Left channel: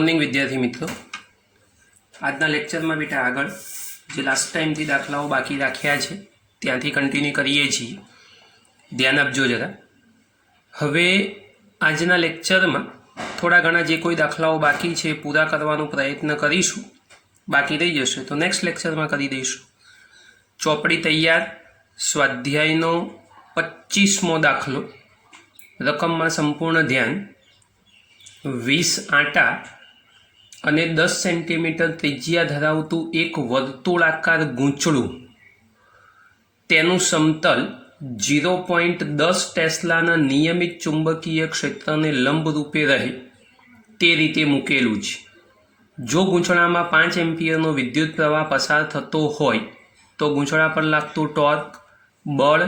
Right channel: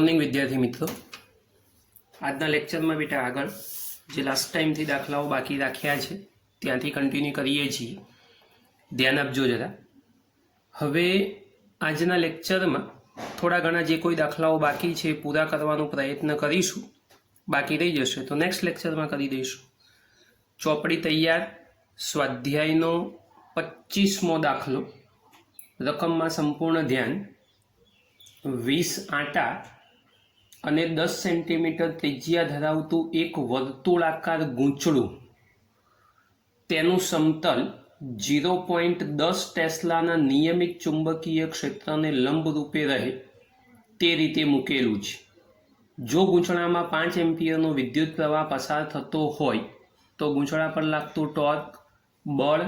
Morning विद्यार्थी मित्रों, आजना lecture में बेटा आगळ जे लास्ट टाइम थी दाखलाओ बाकी राख्या छे त्यांथी कंटिन्यू करीए छीए। ध्यान आपजो जरा। हवे आजना लेक्चर में थोड़ा घना जे कोई दाखलाओ बाकी छे पूरा करवानो प्रयत्न करीशुं। बाकी रही जशे तो नेक्स्ट लेक्चर में करी दईशुं। चौपड़ी तैयार। स्वाध्यायनो 25मो दाखलो। रकम में संपूर्ण ध्यान। 20 आटा અને 10 સેન્ટીમીટર ત્રિજ્યા ધરાવતું એક વર્તુળાકાર ગૂંચળું તેનું સમતલ 0.10 ટેસ્લાના નિયમિત ચુંબકીય ક્ષેત્રને લંબરૂપે રહે તે રીતે મૂકેલું છે। જો ગૂંચળામાં 5 એમ્પિયરનો વિદ્યુત પ્રવાહ પસાર થતો હોય તો ગૂંચળા પર લાગતું ટોર્ક, બળ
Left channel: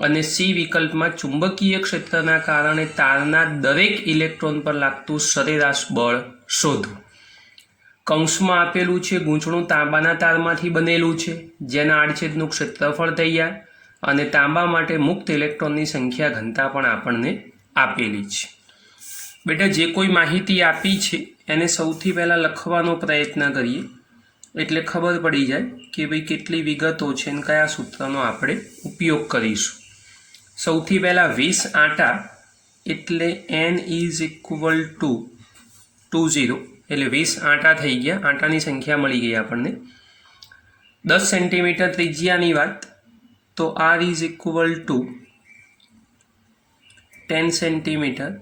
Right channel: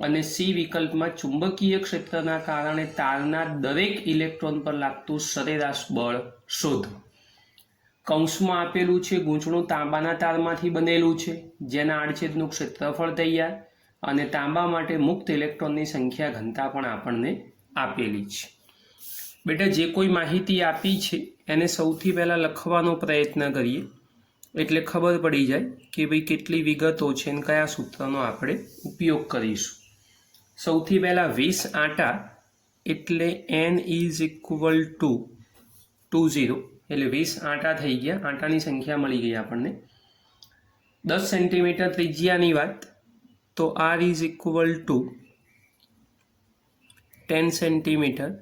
અને સી વિકલ્પમાં ચુંબકીય ક્ષેત્રના કારણે તારના દરેક ઇલેક્ટ્રોન પર લાગતું સરેરાશ બળ શોધો। કૌંસમાં આપેલું છે ગૂંચળું તાંબાના તારમાંથી બનેલું છે જેના આડછેદનું ક્ષેત્રફળ તૈયાર અને તાંબા માટે મુક્ત ઇલેક્ટ્રોનની સંખ્યા ઘનતા પણ આપણને આપેલી છે। બેટા જે કોઈ માહિતી આપી છે એને સૌથી પહેલાં લખવાનો પ્રયત્ન કરીએ એટલે ખબર પડી જાય કે ભાઈ કેટલી વિગતો છે અને કયા સૂત્રનો આપણે ઉપયોગ કરીશું। સૌથી પહેલાં 20 આટા એટલે n ઇઝ ઇક્વલ ટુ 20 એટલે 20 આટા થઈ ગયા। આટાની સંખ્યા મળી ગઈ આપણને। 10 સેન્ટીમીટર ત્રિજ્યાની વાત તો r is equal two 10 centimetre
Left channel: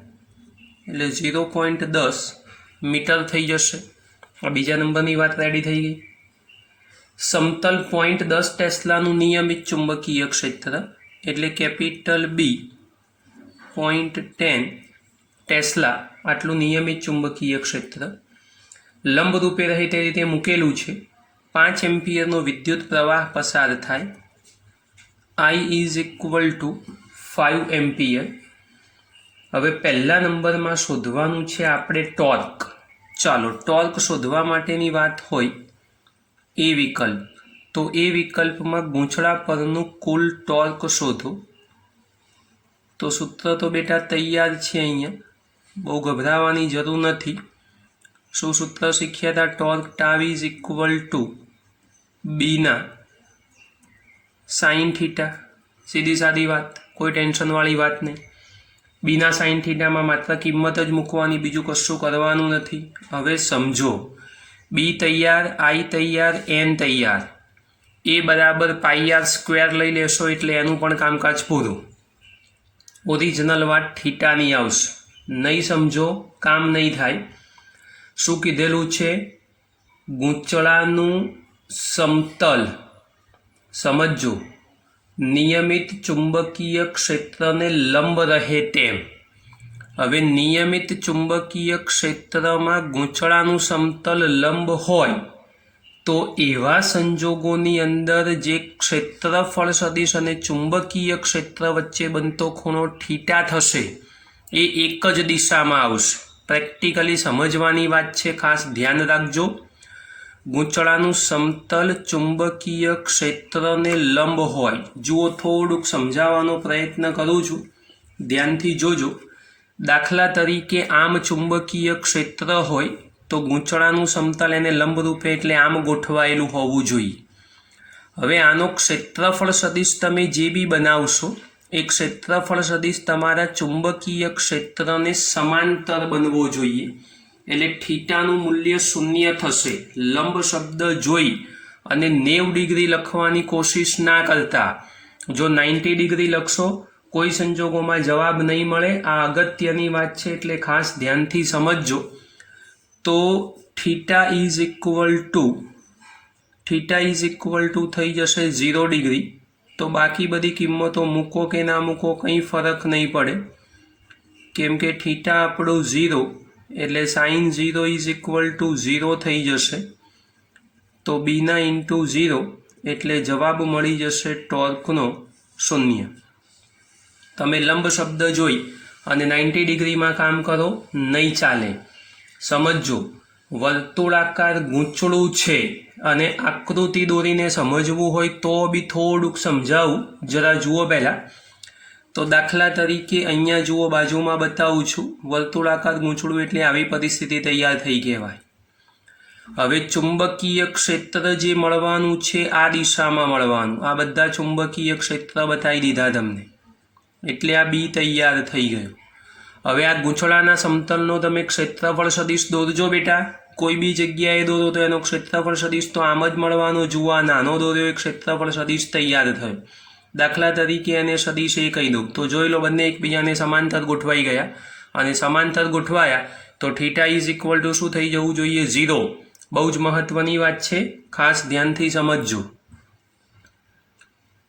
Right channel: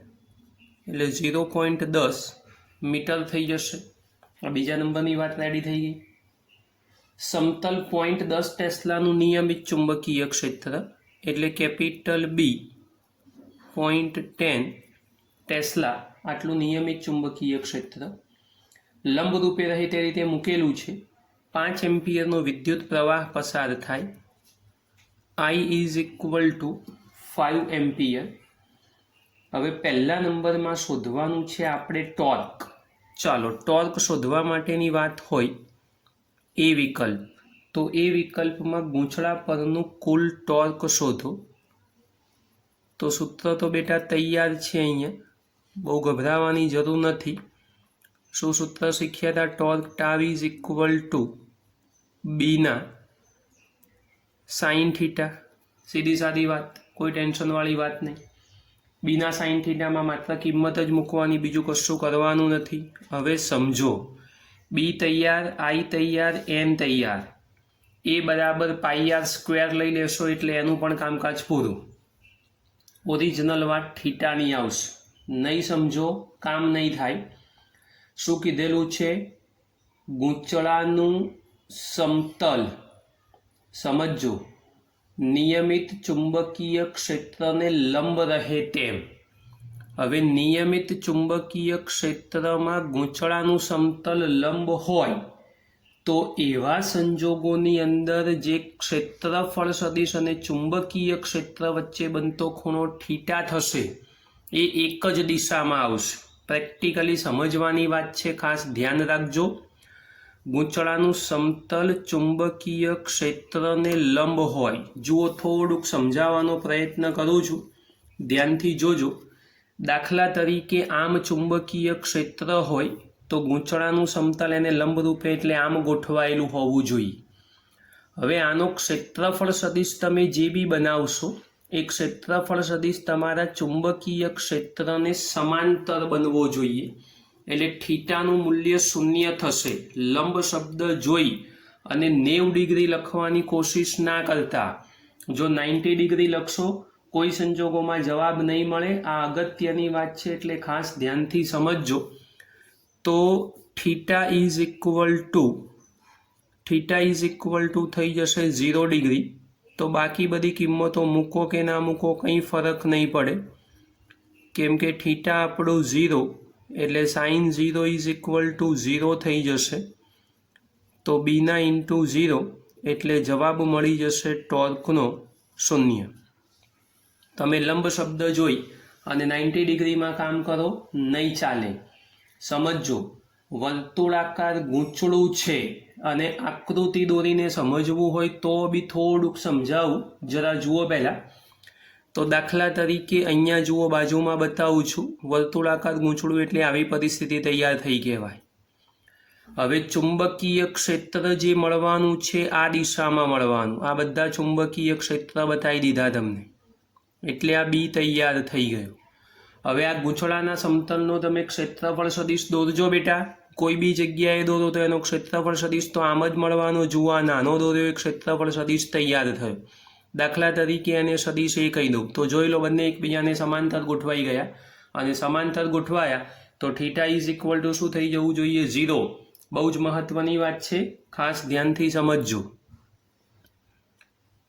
એટલે 0.10 મીટર થઈ જશે। બીજા નંબરની વાત રેડી થઈ ગઈ। સમતલ 0.10 ટેસ્લાનું નિયમિત ચુંબકીય ક્ષેત્ર એટલે કેપિટલ બી 0.10 ટેસ્લા આટલું નિયમિત ચુંબકીય ક્ષેત્ર લંબરૂપે રહે તે રીતે મૂકેલું છે। 5 એમ્પિયરનો વિદ્યુત પ્રવાહ પસાર થાય। I is equal two 5 ampere. હવે પહેલા નંબરમાં શોધવાનું છે આપણે ટોર્ક। ચાલો ટોર્ક શોધવા માટેની વાત હોય એ વિકલ્પ તો એ વિકલ્પમાં ગૂંચળા પરનું કુલ ટોર્ક શોધો। તો સૂત્ર તો બેટા તૈયાર છે અહીંયા, બહુ ગભરાવાની જરૂર નથી। શું સૂત્ર શીખ્યા હતા? Torque tau is equal two Bina sine theta. સીધી સાદી વાત, કોઈ ટેન્શનવાળી વાત નહીં। બીના સાઇન થીટામાં માત્ર કિંમત જ મૂકવાની, બીજું કશું કરવાનું નથી। હવે સમજો, બી તૈયાર, આઈ તૈયાર, એન તૈયાર, એ બરાબર પાઈ આર સ્ક્વેર લઈ લેશો એટલે એનું પણ કામકાજ પૂરું। ઓરિજિનલ વાત થીટાની આવશે, નહીં સમજો કામ નહીં થાય। શું કીધેલું છે? ગૂંચળાનું સમતલ સમજો નિયમિત ચુંબકીય ક્ષેત્રને લંબ રહે તેમ। હવે નિયમિત ચુંબકીય ક્ષેત્રમાં ગૂંચળાનું સમતલ લંબ હોય તો એવા સંજોગોની અંદર જે ક્ષેત્રફળ સદિશ અને ચુંબકીય ક્ષેત્ર વચ્ચે બનતો ખૂણો થીટા થશે એ એક જ દિશામાં આવશે। પ્રેક્ટિકલી સમજવાની વાત છે, ખાસ ધ્યાન રાખજો। ગૂંચળાનું સમતલ ચુંબકીય ક્ષેત્રને લંબ હોય, જુઓ થોડુંક સમજાવવાનો પ્રયત્ન કરું છું, ધ્યાનથી જોજો। દાખલા તરીકે આમ ચુંબકીય ક્ષેત્ર હોય તો ગૂંચળાનું સમતલ એને લંબરૂપે એટલે આમ ગોઠવાયેલું હોવું જોઈએ। હવે આનો ક્ષેત્રફળ સદિશ તમે જે બી બનાવશો એ ક્ષેત્રફળ સદિશ તમારા ચુંબકીય ક્ષેત્રને સમાંતર બનવો જોઈએ, એટલે થીટાનું મૂલ્ય 0 થશે। લંબ શબ્દ જોઈ અને 90 ડિગ્રી લખવાની કોશિશ ના કરતા। જો 90 ડિગ્રી લખશો કોઈ સંજોગોમાં જવાબ નહીં મળે। આ અગત્યની વાત છે એટલે ખાસ ધ્યાનથી સમજજો। તો થીટા ઇઝ ઇક્વલ ટુ થઈ જશે 0 ડિગ્રી। તો બાકી બધી કિંમતો મૂકો કે ના મૂકો કંઈ ફરક નહીં પડે, કેમ કે થીટા આપણું 0 એટલે સાઇન 0 ઇઝ ઇક્વલ ટુ 0 થઈ જશે। તો બીના ઇન્ટુ 0 એટલે જવાબ મળી જશે ટોર્કનો 0। તમે લંબ શબ્દ જોઈ અને 90 ડિગ્રીમાં કામ કરો નહીં ચાલે। સમજો, વર્તુળાકાર ગૂંચળું છે અને આકૃતિ દોરીને સમજવું હોય તો બી થોડુંક સમજાવું, જરા જુઓ। પહેલાં તો દાખલા તરીકે અહીંયા જુઓ, બાજુમાં બતાવું છું, વર્તુળાકાર ગૂંચળું એટલે આવી પરિસ્થિતિ તૈયાર થઈ કહેવાય. હવે ચુંબકીય ક્ષેત્ર જે મળવાનું છે આ દિશામાં મળવાનું. આ બધા ચુંબકીય ક્ષેત્ર બતાવી દીધા તમને, એટલે આ બી તૈયાર થઈ ગયું. હવે આ ગૂંચળાના સમતલનો તમે ક્ષેત્રફળ સદિશ દોરજો બેટા. કોઈ બી જગ્યાએ દોરો તો એનો ક્ષેત્રફળ સદિશ તો આમ જ મળવાનો. જુઓ, આ નાનો દોર્યો એક ક્ષેત્રફળ સદિશ તૈયાર થયો. દાખલા તરીકે એને સદિશ એ કહી દઉં તો જોઈ લો, બંને એકબીજાને સમાંતર ગોઠવાઈ ગયા, અને સમાંતર ગોઠવાયા તો થીટા ઇઝ ઇક્વલ ટુ શું થઈ જવું જોઈએ? 0. બહુ જ મહત્વની વાત છે, ખાસ ધ્યાનથી સમજજો.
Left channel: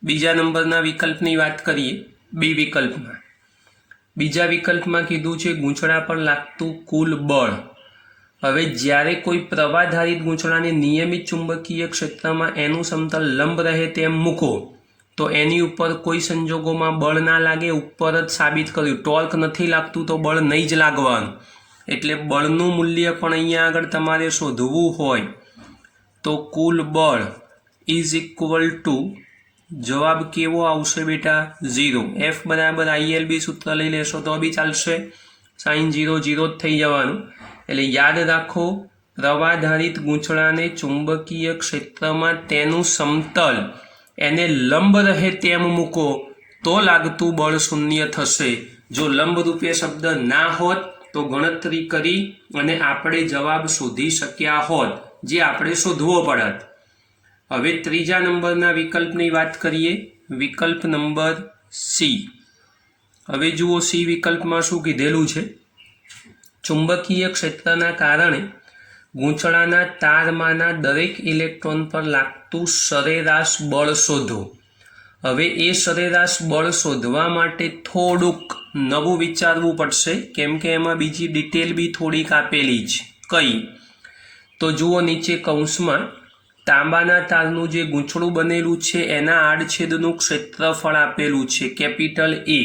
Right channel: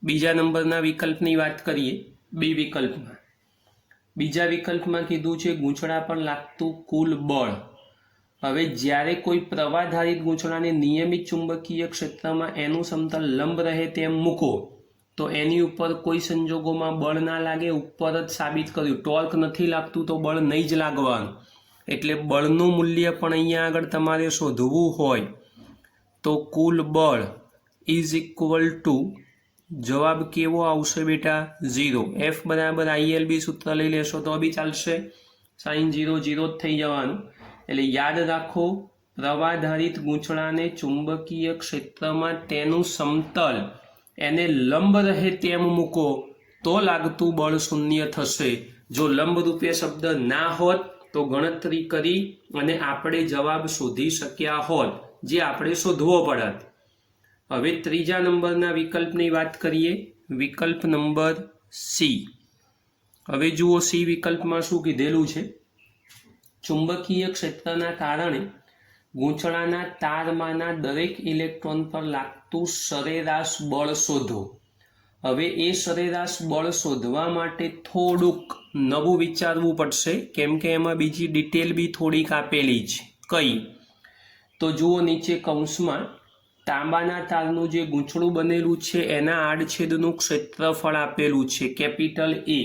બીજા નંબરના વિકલ્પની વાત કરીએ. બી વિકલ્પમાં, બીજા વિકલ્પમાં કીધું છે ગૂંચળા પર લાગતું કુલ બળ. હવે જ્યારે કોઈ પ્રવાહધારિત ગૂંચળાને નિયમિત ચુંબકીય ક્ષેત્રમાં એનું સમતલ લંબ રહે તેમ મૂકો તો એની ઉપર કોઈ સંજોગોમાં બળ ના લાગે. ઉપર જ સાબિત કર્યું, ટોર્ક નથી લાગતું તો બળ નહીં જ લાગવાનું. એટલે બળનું મૂલ્ય પણ અહીંયા આગળ તમારે શોધવું હોય તો કુલ બળ ઇઝ ઇક્વલ ટુ, જવાબ કેવો આવશે બેટા? 0. F બરાબર ILB સૂત્ર લઈ લેશો તો બી ચાલશે. સાઇન 0 0 જ થઈ જવાનું. એટલે યાદ રાખો, પ્રવાહધારિત ગૂંચળાને ચુંબકીય ક્ષેત્રમાં તેનું સમતલ એને લંબ રહે તેમ મૂકો તો લાગતું બળ શૂન્ય થશે. જો લંબરૂપે શબ્દ ના હોત તો ગણતરી કરી અને આપણે જવાબ શોધી શક્યા હોત, જે આપણે શોધવો પડત. હવે ત્રીજા નંબરના વિકલ્પની વાત કરીએ. વિકલ્પ નંબર સી. હવે જુઓ, સી વિકલ્પમાં શું કીધેલું છે? ચુંબકીય ક્ષેત્રના કારણે ગૂંચળાના તારમાંના દરેક ઇલેક્ટ્રોન પર લાગતું સરેરાશ બળ શોધો. હવે એ સરેરાશ બળ શોધવા માટે થોડુંક નવું વિચારવું પડશે, કેમ કે એમાં બીજી ડિટેલ બી થોડીક આપેલી છે. કઈ? તો જુઓ, નીચે કૌંસમાં તાંબાના તારનું જે ગૂંચળું બનેલું છે એના આડછેદનું ક્ષેત્રફળ આપેલું છે, કેપિટલ A.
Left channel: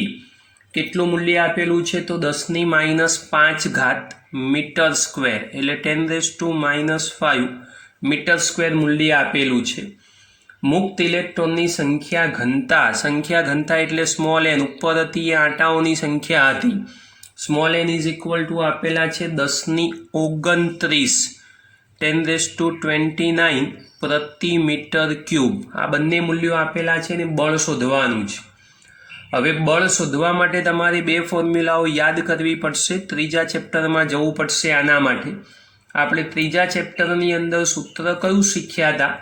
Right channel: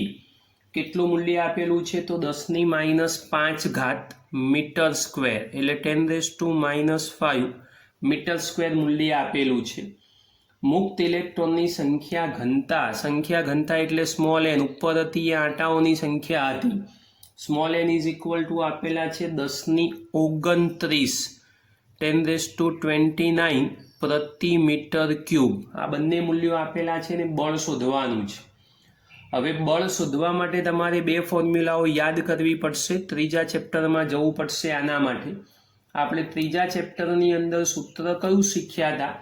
કેટલું મૂલ્ય આપેલું છે? તો 10⁻5 મીટર સ્ક્વેર, એટલે 10⁻5 મીટર સ્ક્વેર મૂલ્ય આપેલું છે. મુક્ત ઇલેક્ટ્રોનની સંખ્યા ઘનતા એટલે સ્મોલ n. ઉપર હતી એ આંટાઓની સંખ્યા હતી. Small n is equal two આપેલા છે 10⁻29 10⁻29 પ્રતિ મીટર ક્યુબ. આ બંને મૂલ્યો આપેલા છે ને બળ શોધવાનું છે. હવે બળ શોધવા માટે તમારે બે ફોર્મ્યુલાઓ યાદ કરવી પડશે. ત્રીજા ચેપ્ટરમાં જવું પડશે. આના માટે આપણે ત્રીજા ચેપ્ટરની અંદર સૂત્ર કયું શીખ્યા હતા?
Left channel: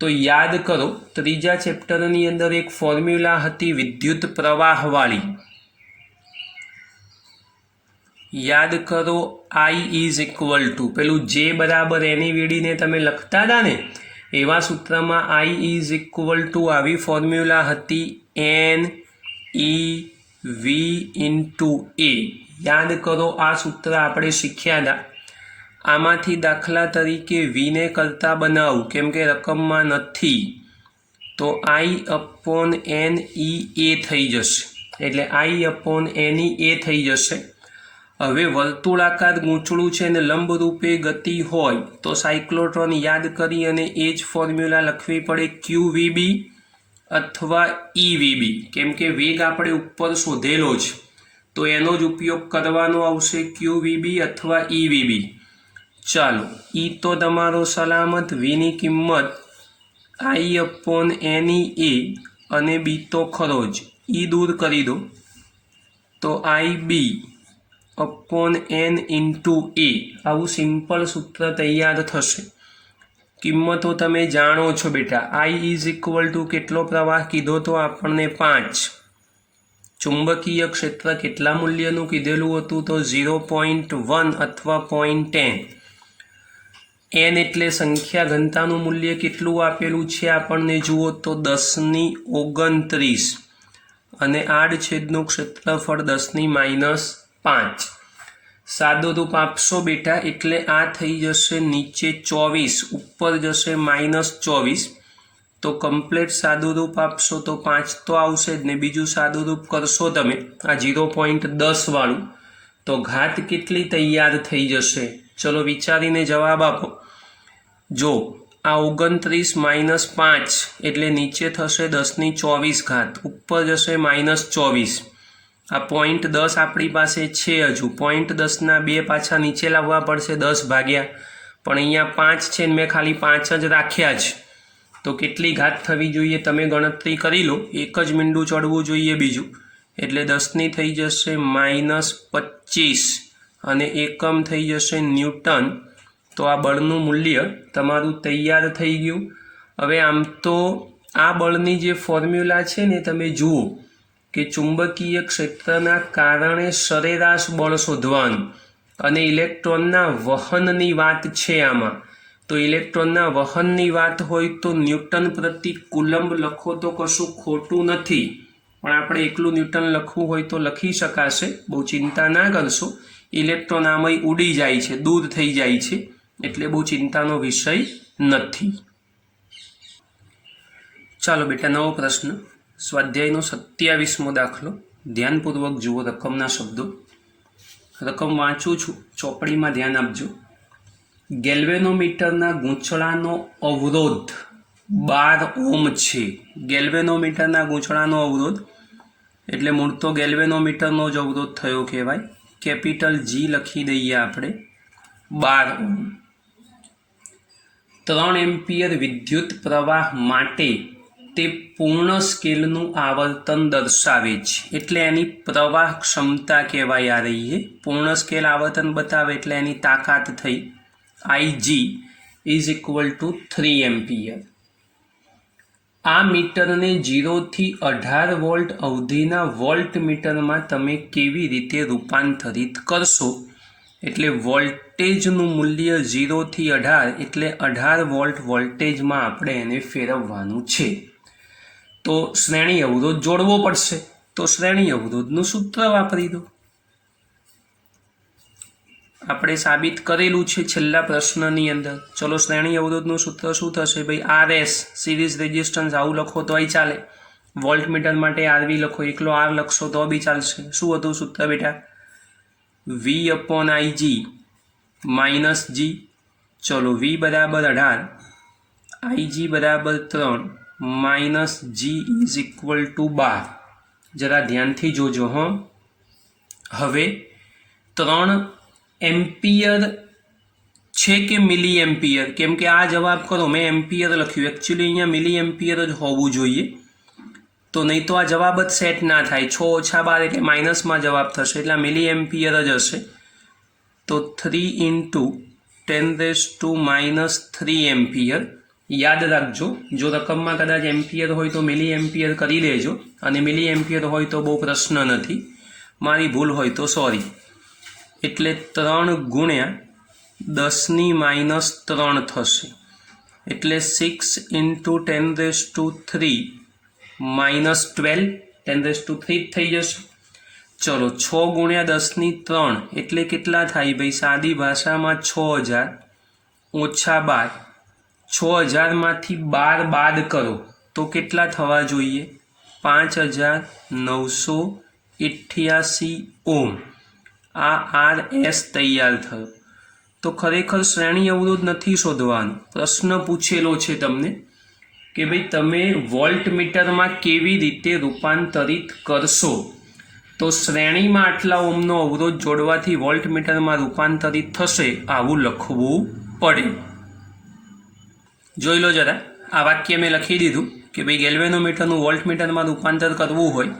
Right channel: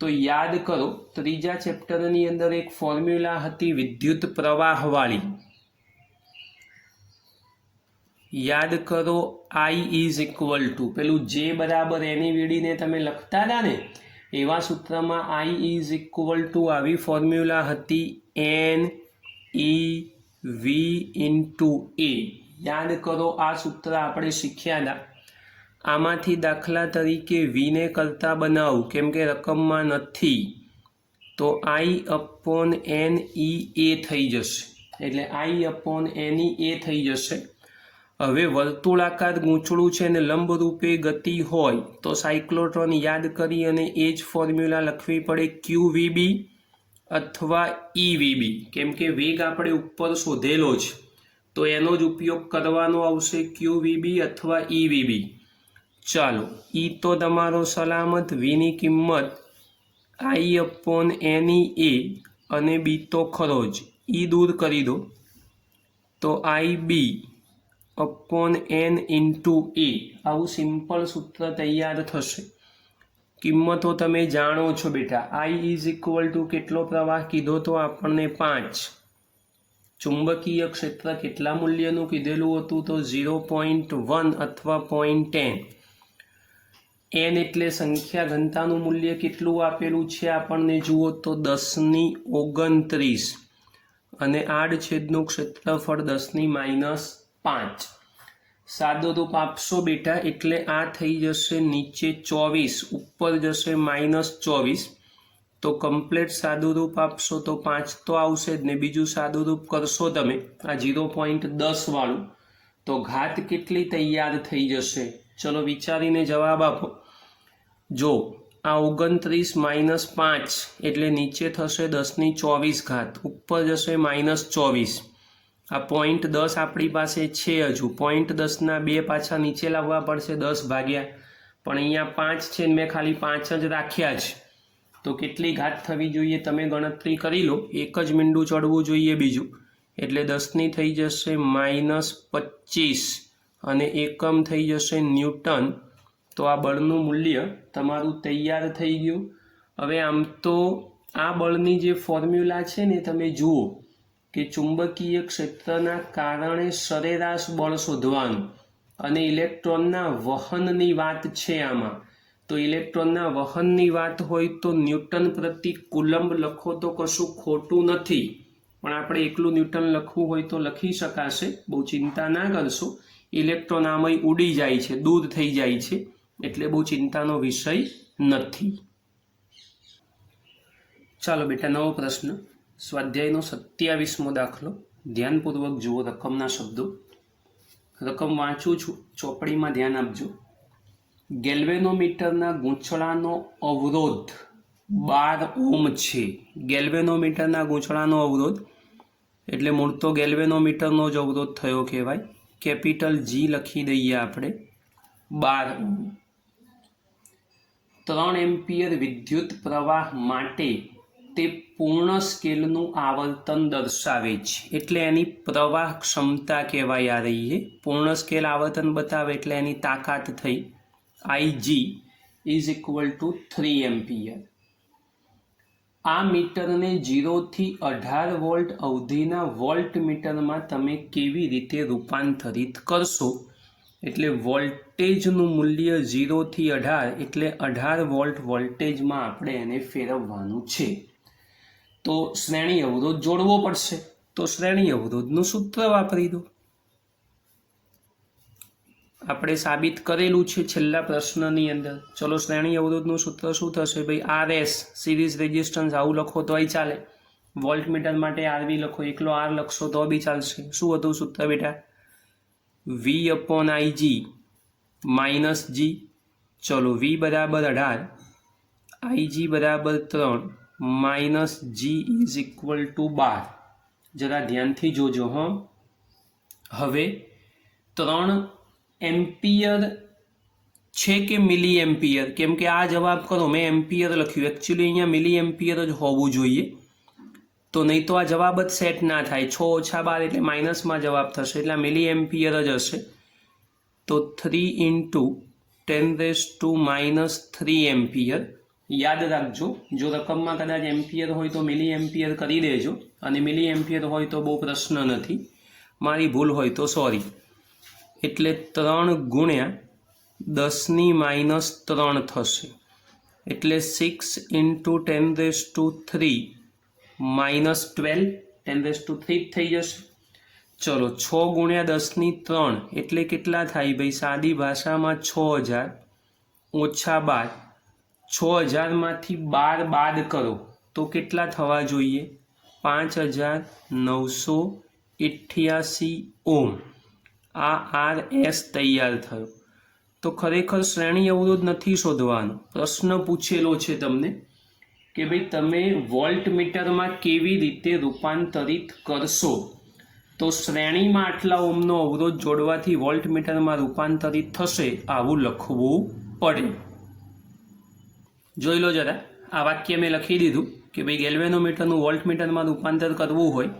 તો યાદ કરો, ત્રીજા ચેપ્ટરની અંદર એક ફોર્મ્યુલા હતી વિદ્યુત પ્રવાહવાળી. યાદ કરો, I ઇઝ ઇક્વલ ટુ પેલું J બરાબર એની વીડીને તમે લખતા હતા ને, એવા સૂત્રમાં I ઇઝ ઇક્વલ ટુ આવી ફોર્મ્યુલા હતી NEV ઇન્ટુ A. યાદ કરો, આ સૂત્ર આપણે શીખ્યા હતા. આમાંથી દાખલા તરીકે વીને કરતા બનાવું, કેમ કે રકમમાં નથી, તો I/NEA થઈ જશે. એટલે I/NEA થઈ જશે. હવે વર્તુળાકાર ગૂંચળું છે ને લંબરૂપે ગતિ હોય તો સાયક્લોટ્રોન યાદ કરી અને એ જ ફોર્મ્યુલા લખવી પડે, QVB અથવા EVB. કેમ કે વેગ આપણે ઉપર શોધેલો છે તો એનો જ ઉપયોગ કરવાનો આવશે, QVB અથવા EVB. ચાલો, E તો તમારો સલામત, Vની કિંમત I/NEA અને B તો ખરો જ. E દૂર કરી દો તો IB/N ઇન્ટુ A. આવું સિમ્પલ સૂત્ર તૈયાર થશે. કિંમતો તમે જાણો છો બેટા. I ઇઝ ઇક્વલ ટુ કેટલો પ્રવાહ કીધો તો આપણને 5. ચુંબકીય ક્ષેત્ર કેટલા મૂલ્યનું કીધેલું હતું? તો 0.1 અથવા 0.10. N એટલે સંખ્યા ઘનતાનું મૂલ્ય કેટલું આપેલું છે આપણને જુઓ તો 10⁻29 અને આડછેદનું ક્ષેત્રફળ 10⁻5. સાદું રૂપ આપશો બેટા એટલે આ થઈ જશે નીચે 24, ઉપર જશે -24. તો કમ્પ્લીટ સાદું રૂપ આપશો તો 5 તો આવશે જ ને. બીજું સાદું રૂપ કરશો તમે આ 0.10 વાળું તો ઘાત કેટલી તૈયાર થઈ જશે? ચલો વિચારીને જવાબ આપો. જો આ 29 - 5 એટલે નીચે થશે 10⁻24, ઉપર જશે -24. આ 0.10 આપણી પાસે છે હજુ 0.10ના 2 પાછા નીચે લાવવા પડશે 10 ભાગ્યા પણ અહીંયા 5 છે ને મેં ખાલી 5 જ રાખ્યા છે તો કેટલી ઘાત થવી જોઈએ તમે ગણતરી કરી લો એક જ મીંડું ચડવું જોઈએ બીજું એટલે 10ની થઈ જશે -25 અને એકમ થઈ જશે ન્યૂટન તો આ બળનું મૂલ્ય તમારું તૈયાર થઈ ગયું હવે આમ તો આ બળની જે ફોર્મ્યુલા છે ને તમે જુઓ કે ચુંબકીય ક્ષેત્રના કારણે સરેરાશ બળ શોધવાનું અને ઇલેક્ટ્રોનના વહનની વાત છે આમાં તો ઇલેક્ટ્રોનના વહનની વાત હોય તો ન્યૂટન પ્રતિ કુલંબ લખો તો કશું ખોટું નથી પણ આપણે એકલું ન્યૂટન લખવું હોય તો લખી શકાશે બહુ ચિંતા ના કરશો ઇલેક્ટ્રોન આમાં ઉડી જાય છે દૂર થઈ જાય છે એટલે બહુ ચિંતાનો વિષય નથી ચાલો બેટા નવો પ્રશ્ન સ્વાધ્યાયનો 27મો દાખલો ધ્યાનપૂર્વક જુઓ રકમના શબ્દો રકમ વાંચું છું ચોપડીમાં ધ્યાન આપજો ગેલ્વેનોમીટરના ગૂંચળાનો અવરોધ 12 ઓહ્મ છે ગેલ્વેનોમીટરના ગૂંચળાનો અવરોધ એટલે મૂળ તો ગેલ્વેનોમીટરનો જ અવરોધ થયો કહેવાય કેપિટલ G લખી દઈએ આપણે 12 ઓહ્મ 3 એમ્પિયર વિદ્યુત પ્રવાહ માટે તે પૂર્ણ સ્કેલનું આવર્તન દર્શાવે છે એટલે એની પ્રવાહ ક્ષમતા કહેવાય આ રહીએ પૂર્ણ સ્કેલ આવર્તન બતાવે એટલે એની તાકાત થઈ IG is equal two 3 ampere આ મીટરને 0 થી 18 વોલ્ટ અવધિના વોલ્ટ મીટરમાં તમે કેવી રીતે રૂપાંતરિત કરશો એટલે વોલ્ટેજનું મૂલ્ય 0 થી 18 એટલે 18 વોલ્ટ વોલ્ટેજમાં આપણે એને ફેરવવાનું છે તો શ્રેણી અવરોધ જોડવો પડશે તો શ્રેણી અવરોધનું સૂત્ર વાપરી દો આપણે સાબિત કરેલું છે છેલ્લા પ્રશ્નની અંદર ચલો શ્રેણી અવરોધનું સૂત્ર શું થશે ભાઈ RS સિરીઝ રેઝિસ્ટન્સ આવું લખો તોય ચાલે વોલ્ટમીટર માટે RV લખો એકલો R લખશો તો બી ચાલશે શું હતું સૂત્ર બેટા V/IG -G ચલો V બરાબર 18 IG બરાબર 3 -G ઇઝ ઇક્વલ ટુ 12 જરા ધ્યાનથી જોજો હં હવે 3 એમ્પિયર છે કે મિલી એમ્પિયર કેમ કે આ જવાબ કરો મેં એમ્પિયર લખ્યું એકચ્યુઅલી અહીંયા મિલી એમ્પિયર જ હોવું જોઈએ તો નહીં તો આ જવાબ જ સેટ ના થાય 6 ઓછા 12 એટલે માઇનસમાં જવાબ થશે એટલે મિલી એમ્પિયર જ હશે તો 3 × 10⁻³ એમ્પિયર યાદ રાખજો જો રકમમાં કદાચ એમ્પિયર હોય તો મિલી એમ્પિયર કરી દેજો અને મિલી એમ્પિયર હોય તો બહુ પ્રશ્ન નથી મારી ભૂલ હોય તો સોરી એટલે 3 × 10⁻³ થશે એટલે 6 × 10⁻³ -12 10⁻³ થઈ જશે ચલો 6 × 10⁻³ એટલે કેટલા થાય ભાઈ સાદી ભાષામાં 6000 ઓછા 12 6000માંથી 12 બાદ કરો તો કેટલા થવા જોઈએ 5988 ઓહ્મ આ RS તૈયાર થયો તો ખરેખર શ્રેણી અવરોધ નથી શોધવાનો પ્રશ્ન પૂછેલો છે તમને કે ભાઈ તમે વોલ્ટમીટરમાં કેવી રીતે રૂપાંતરિત કરશો તો શ્રેણીમાં આટલા ઓહ્મનો અવરોધ જોડવાથી વોલ્ટમીટરમાં રૂપાંતરિત થશે આવું લખવું પડે જોઈ લો જરા આ વાક્ય મેં લખી દીધું કે ભાઈ ગેલ્વેનોમીટરનું વોલ્ટમીટરમાં રૂપાંતર કરવું હોય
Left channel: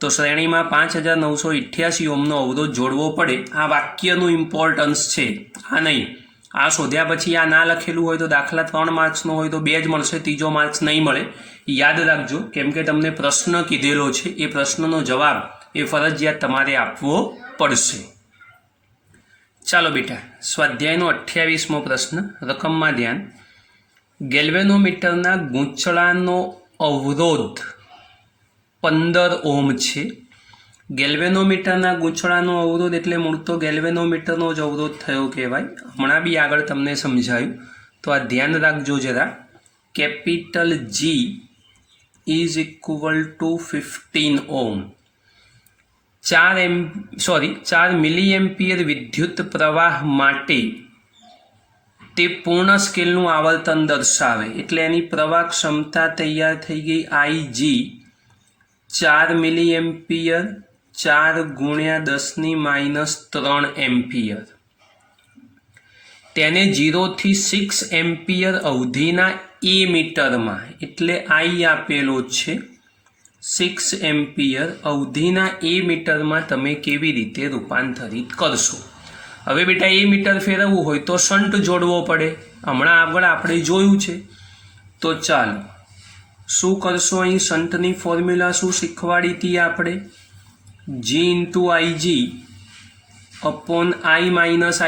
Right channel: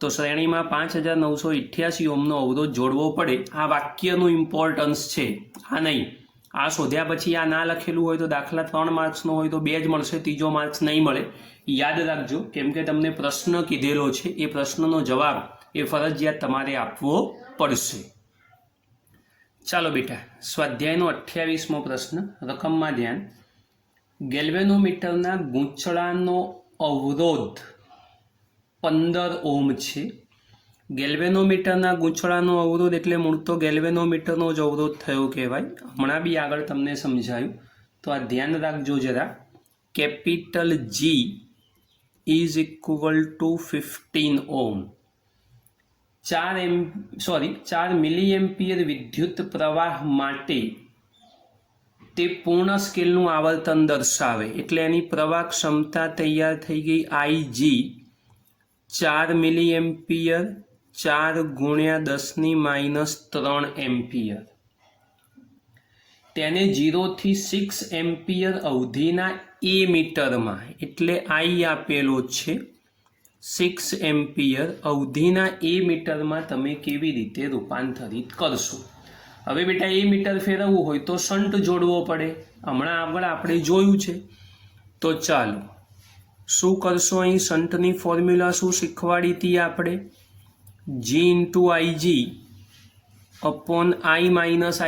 તો શ્રેણીમાં 5988 ઓહ્મનો અવરોધ જોડવો પડે આ વાક્યનું ઇમ્પોર્ટન્સ છે આ નહીં આ શોધ્યા પછી આ ના લખેલું હોય તો દાખલા 3 માર્ક્સનો હોય તો 2 જ મળશે ત્રીજો માર્ક્સ નહીં મળે યાદ રાખજો કેમ કે તમને પ્રશ્ન કીધેલો છે એ પ્રશ્નનો જવાબ એ ફરજિયાત તમારે આપવો પડશે ચાલો બેટા સ્વાધ્યાયનો 28મો પ્રશ્ન રકમમાં ધ્યાન ગેલ્વેનોમીટરના ગૂંચળાનો અવરોધ 15 ઓહ્મ છે ગેલ્વેનોમીટરના ગૂંચળાનો અવરોધ એટલે મૂળ તો ગેલ્વેનોમીટરનો જ અવરોધ થયો કહેવાય હમણાં બી આગળ તમને સમજાયું તો આ ધ્યાન રાખજો જરા capital G is equal two 15 ohm 4 milli ampere વિદ્યુત પ્રવાહ માટે તે પૂર્ણ સ્કેલનું આવર્તન દર્શાવે એટલે એની પ્રવાહ ક્ષમતા તૈયાર થઈ ગઈ IG 4 મિલી એમ્પિયર 4 ગુણ્યા 10⁻³ એમ્પિયર. તેને 0 થી 6 એમ્પિયર અવધિના એ મીટરમાં, એટલે આઈ આપેલો છે 6 એમ્પિયર અવધિના એ મીટરમાં તમે કેવી રીતે રૂપાંતરિત કરશો. હવે બેટા એ મીટર ફેરવવું હોય તો શન્ટ જોડવો પડે, હમણાં આગળ આપણે જોયું છે. તો ચાલો શું કરશો, અહીં શન્ટની ફોર્મ્યુલા શું શીખવાડી હતી આપણે, G × IG upon I -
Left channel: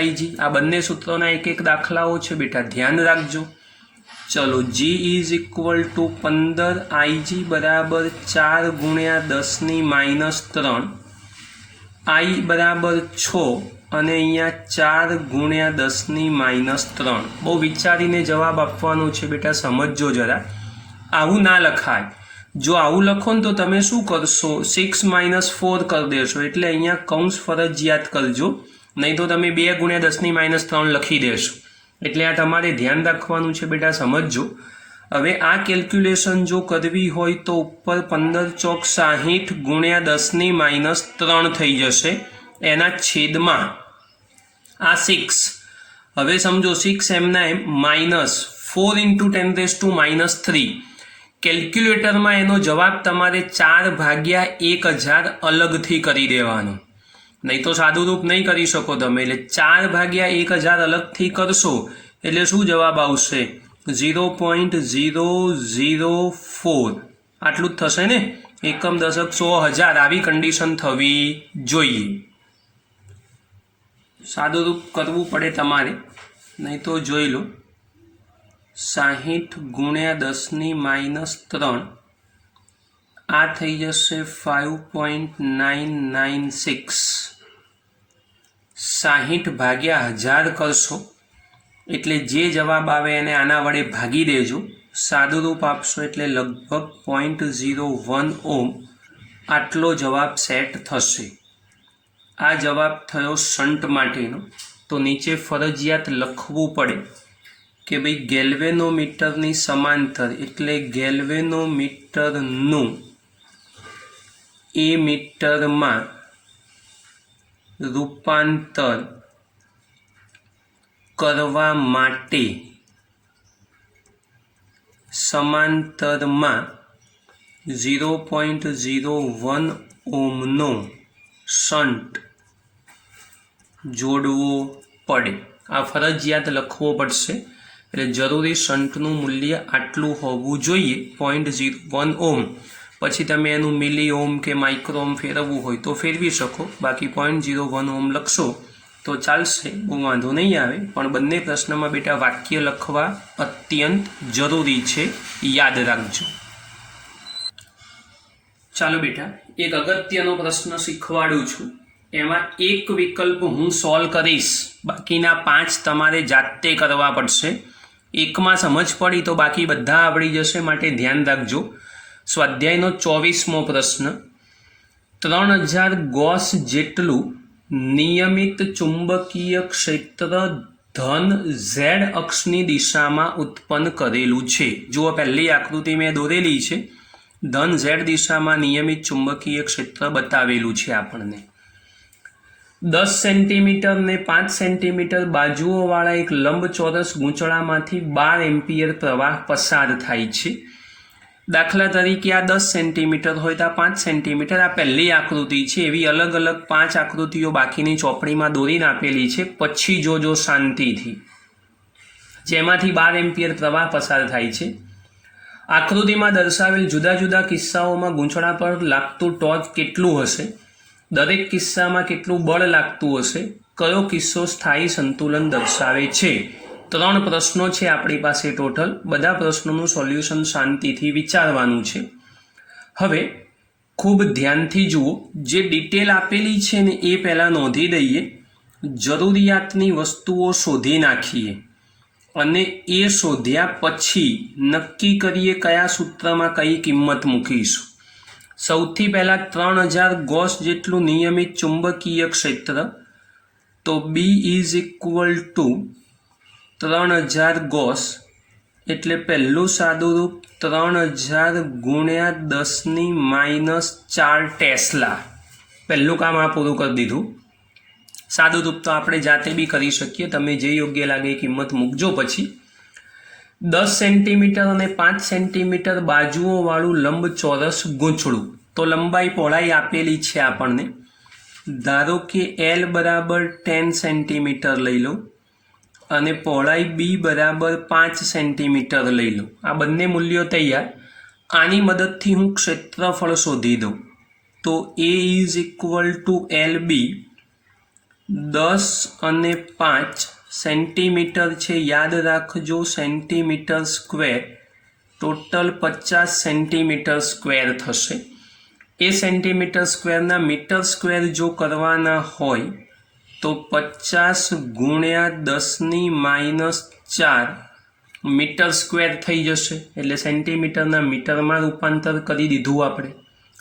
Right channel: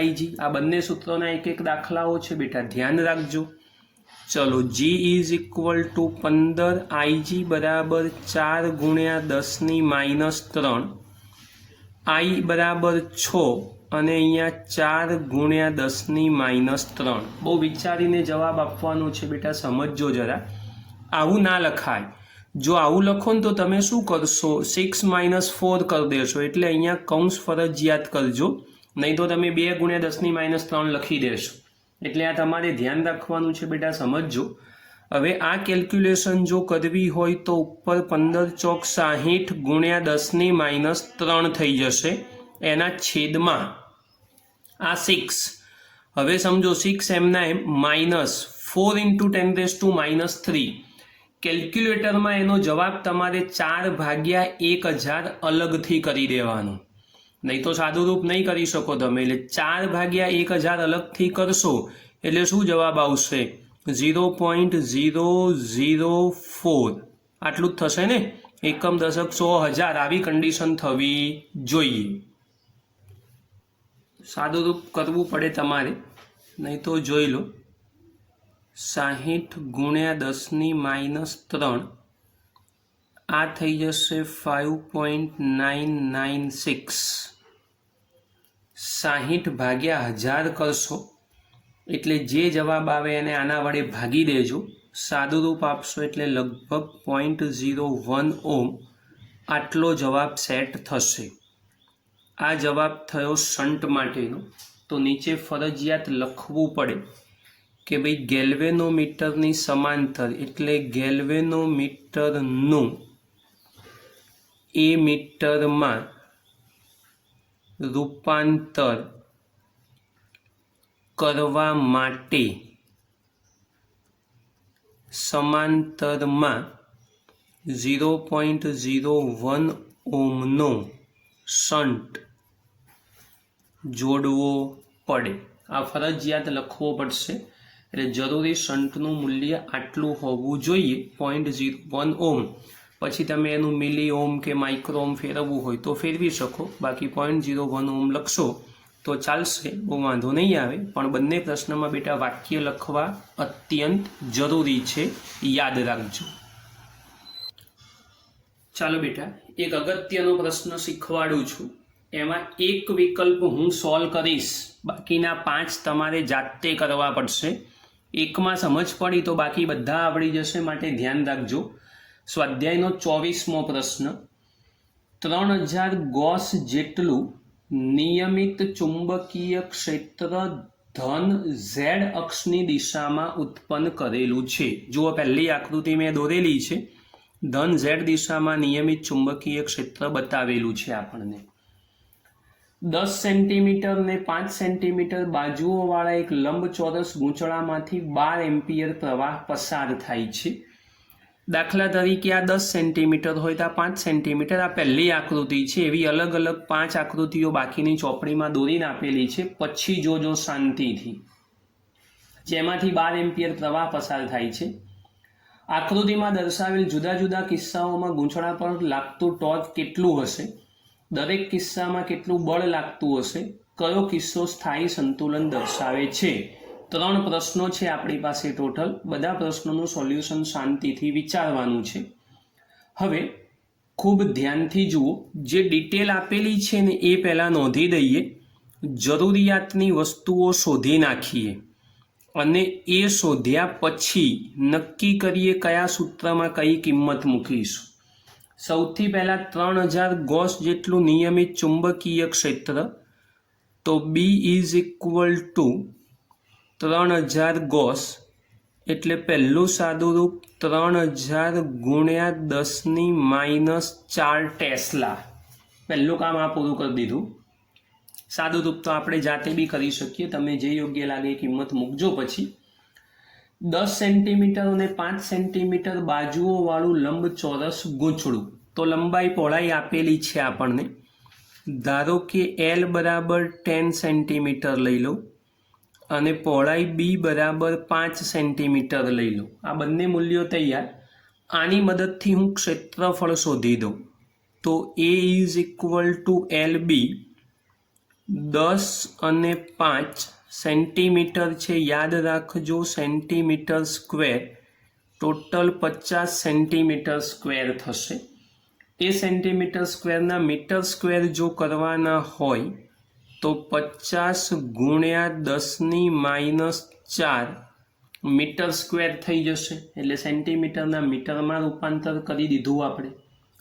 IG. આ બંને સૂત્રોના એક એક દાખલાઓ છે બેટા, ધ્યાન રાખજો. ચલો G = 15, IG બરાબર 4 ગુણ્યા 10⁻³ I બરાબર 6 અને અહીંયા 4 ગુણ્યા 10⁻³. બહુ વિચારીને જવાબ આપવાનો છે બેટા, સમજજો જરા. આવું ના લખાય. જો આવું લખો ને તો તમે શું કરશો, 6 - 4 કરી દેશો, એટલે અહીંયા કૌંસ ફરજિયાત કરજો, નહીં તો તમે 2 ગુણ્યા 10⁻³ લખી દેશો. એટલે આ તમારે ધ્યાન રાખવાનું છે બેટા, સમજજો. હવે આ કેલ્ક્યુલેશન જો કરવી હોય તો ઉપર 15 ચોક 60 ગુણ્યા 10⁻³ થઈ જશે, એના છેદમાં આ 6. હવે સમજો 6 એમના એમ -4 × 10⁻³ કેલ્ક્યુલેટરમાં એનો જવાબ તમારે 4/1000 અલગથી કરી દેવાનો, નહીં તો સાદું રૂપ નહીં કરી શકો તમે. એટલે 4/1000 અલગથી કરશો એટલે શું જવાબ આવશે, 0.004. આટલું જ થશે ને, એકમ દશક 100,000 આવી કન્ડિશન થવી જોઈએ. સાદું રૂપ કરવું પડે તમારે, નહીં તો જોઈ લો 60 ગુણ્યા 10⁻³ આ થઈ જશે 5.996. 60/1000 કરશો એટલે જે જવાબ આવે એને આના વડે ભાગી દેજો, સાદું રૂપ આપશો એટલે લગભગ 0.01 ઓહ્મ આટલો જવાબ સેટ થશે. આ જવાબ થયો શન્ટ માટેનો. તો નીચે ફરજિયાત લખવું પડે કે ભાઈ ગેલ્વેનોમીટરની સમાંતર, એટલે ગેલ્વેનોમીટરનું એ મીટરમાં રૂપાંતર કરવા માટે સમાંતરમાં 0.01 ઓહ્મનો શન્ટ જોડવો પડે. આ ફરજિયાત લખવો પડશે, એટલે જરૂરી શન્ટનું મૂલ્ય આટલું હોવું જોઈએ 0.01 ઓહ્મ. પછી તમે એનું મિલી ઓહ્મ કે માઇક્રો ઓહ્મ ફેરવવું હોય તો ફેરવી શકો, બાકી 0.01 ઓહ્મ લખશો તો ચાલશે, બહુ વાંધો નહીં આવે. પણ બંને પ્રશ્નમાં બેટા વાક્ય લખવા અત્યંત જરૂરી છે, યાદ રાખજો. ચાલો બેટા એક અગત્યનો પ્રશ્ન શીખવાડું છું, એમાં એક વિકલ્પ હું સોલ્વ કરીશ, બાકીના 5 તમારે જાતે કરવા પડશે. એકમાં સમજ પડી તો બાકી બધા આવડી જશે, માટે ધ્યાન રાખજો. સ્વાધ્યાયનો 24મો પ્રશ્ન, 3000 ગોસ જેટલું નિયમિત ચુંબકીય ક્ષેત્ર ધન ઝેડ અક્ષની દિશામાં ઉત્પન્ન કરેલું છે. જુઓ પહેલી આકૃતિ મેં દોરેલી છે, ધન ઝેડ દિશામાં નિયમિત ચુંબકીય ક્ષેત્ર બતાવેલું છે આપણને. 10 સેન્ટીમીટર ને 5 સેન્ટીમીટર બાજુઓવાળા એક લંબચોરસ ગૂંચળામાંથી 12 એમ્પિયર પ્રવાહ પસાર થાય છે. દાખલા તરીકે આ 10 સેન્ટીમીટર હોય તો આ 5 સેન્ટીમીટર. આ પહેલી આકૃતિ છે, એવી અલગ અલગ 5 આકૃતિઓ બાકીની ચોપડીમાં દોરીને આપેલી છે, પછી જોજો શાંતિથી, જેમાંથી 12 એમ્પિયર પ્રવાહ પસાર થાય છે. આકૃતિમાં દર્શાવેલ જુદા જુદા કિસ્સાઓમાં ગૂંચળા પર લાગતું ટોર્ક કેટલું હશે, દરેક કિસ્સામાં કેટલું બળ લાગતું હશે, કયો કિસ્સો સ્થાયી સંતુલન દર્શાવે છે. 3 પ્રશ્નો છે આપણી પાસે ટોટલ. બધા પ્રશ્નોનું સોલ્યુશન શાંતિથી વિચારવાનું છે. હવે ખૂબ ધ્યાનથી જુઓ, જે ડિટેલ આપેલી છે ને એ પહેલાં નોંધી દઈએ, જરૂરિયાતની વસ્તુઓ શોધી નાખીએ અને એ શોધ્યા પછી નક્કી કરીએ કયા સૂત્રમાં કઈ કિંમત મૂકીશું. સૌથી પહેલાં 3000 ગોસ જેટલું નિયમિત ચુંબકીય ક્ષેત્ર, તો B = 3000 ગોસ, એટલે પહેલું સાદું રૂપ 3000 ગુણ્યા 10⁻⁴ ટેસ્લા. પહેલું કામ આ પૂરું કરી દીધું. સાદું રૂપ તો આપણે જાતે બી કરી શકીએ, તમે જે યોગ્ય લાગે એ કિંમત મૂકજો. પછી 10 સેન્ટીમીટર અને 5 સેન્ટીમીટર બાજુઓવાળું લંબચોરસ ગૂંચળું. તો લંબાઈ પહોળાઈ આપેલી છે આપણને. ધારો કે L બરાબર 10 સેન્ટીમીટર લઈ લો અને પહોળાઈ B બરાબર 5 સેન્ટીમીટર લઈ લો. આ બંને મૂલ્યો તૈયાર. આની મદદથી હું ક્ષેત્રફળ શોધી દઉં. તો A is equal two LB 10 અને 5 સેન્ટીમીટર છે, યાદ રાખજો centimetre square, total 50 centimetre square થશે. એ સેન્ટીમીટર સ્ક્વેરના મીટર સ્ક્વેર જો કરવાના હોય તો 50 ગુણ્યા 10⁻⁴ મીટર સ્ક્વેર થઈ જશે. એટલે સેન્ટીમીટરના મીટરમાં રૂપાંતર કરી દીધું આપણે.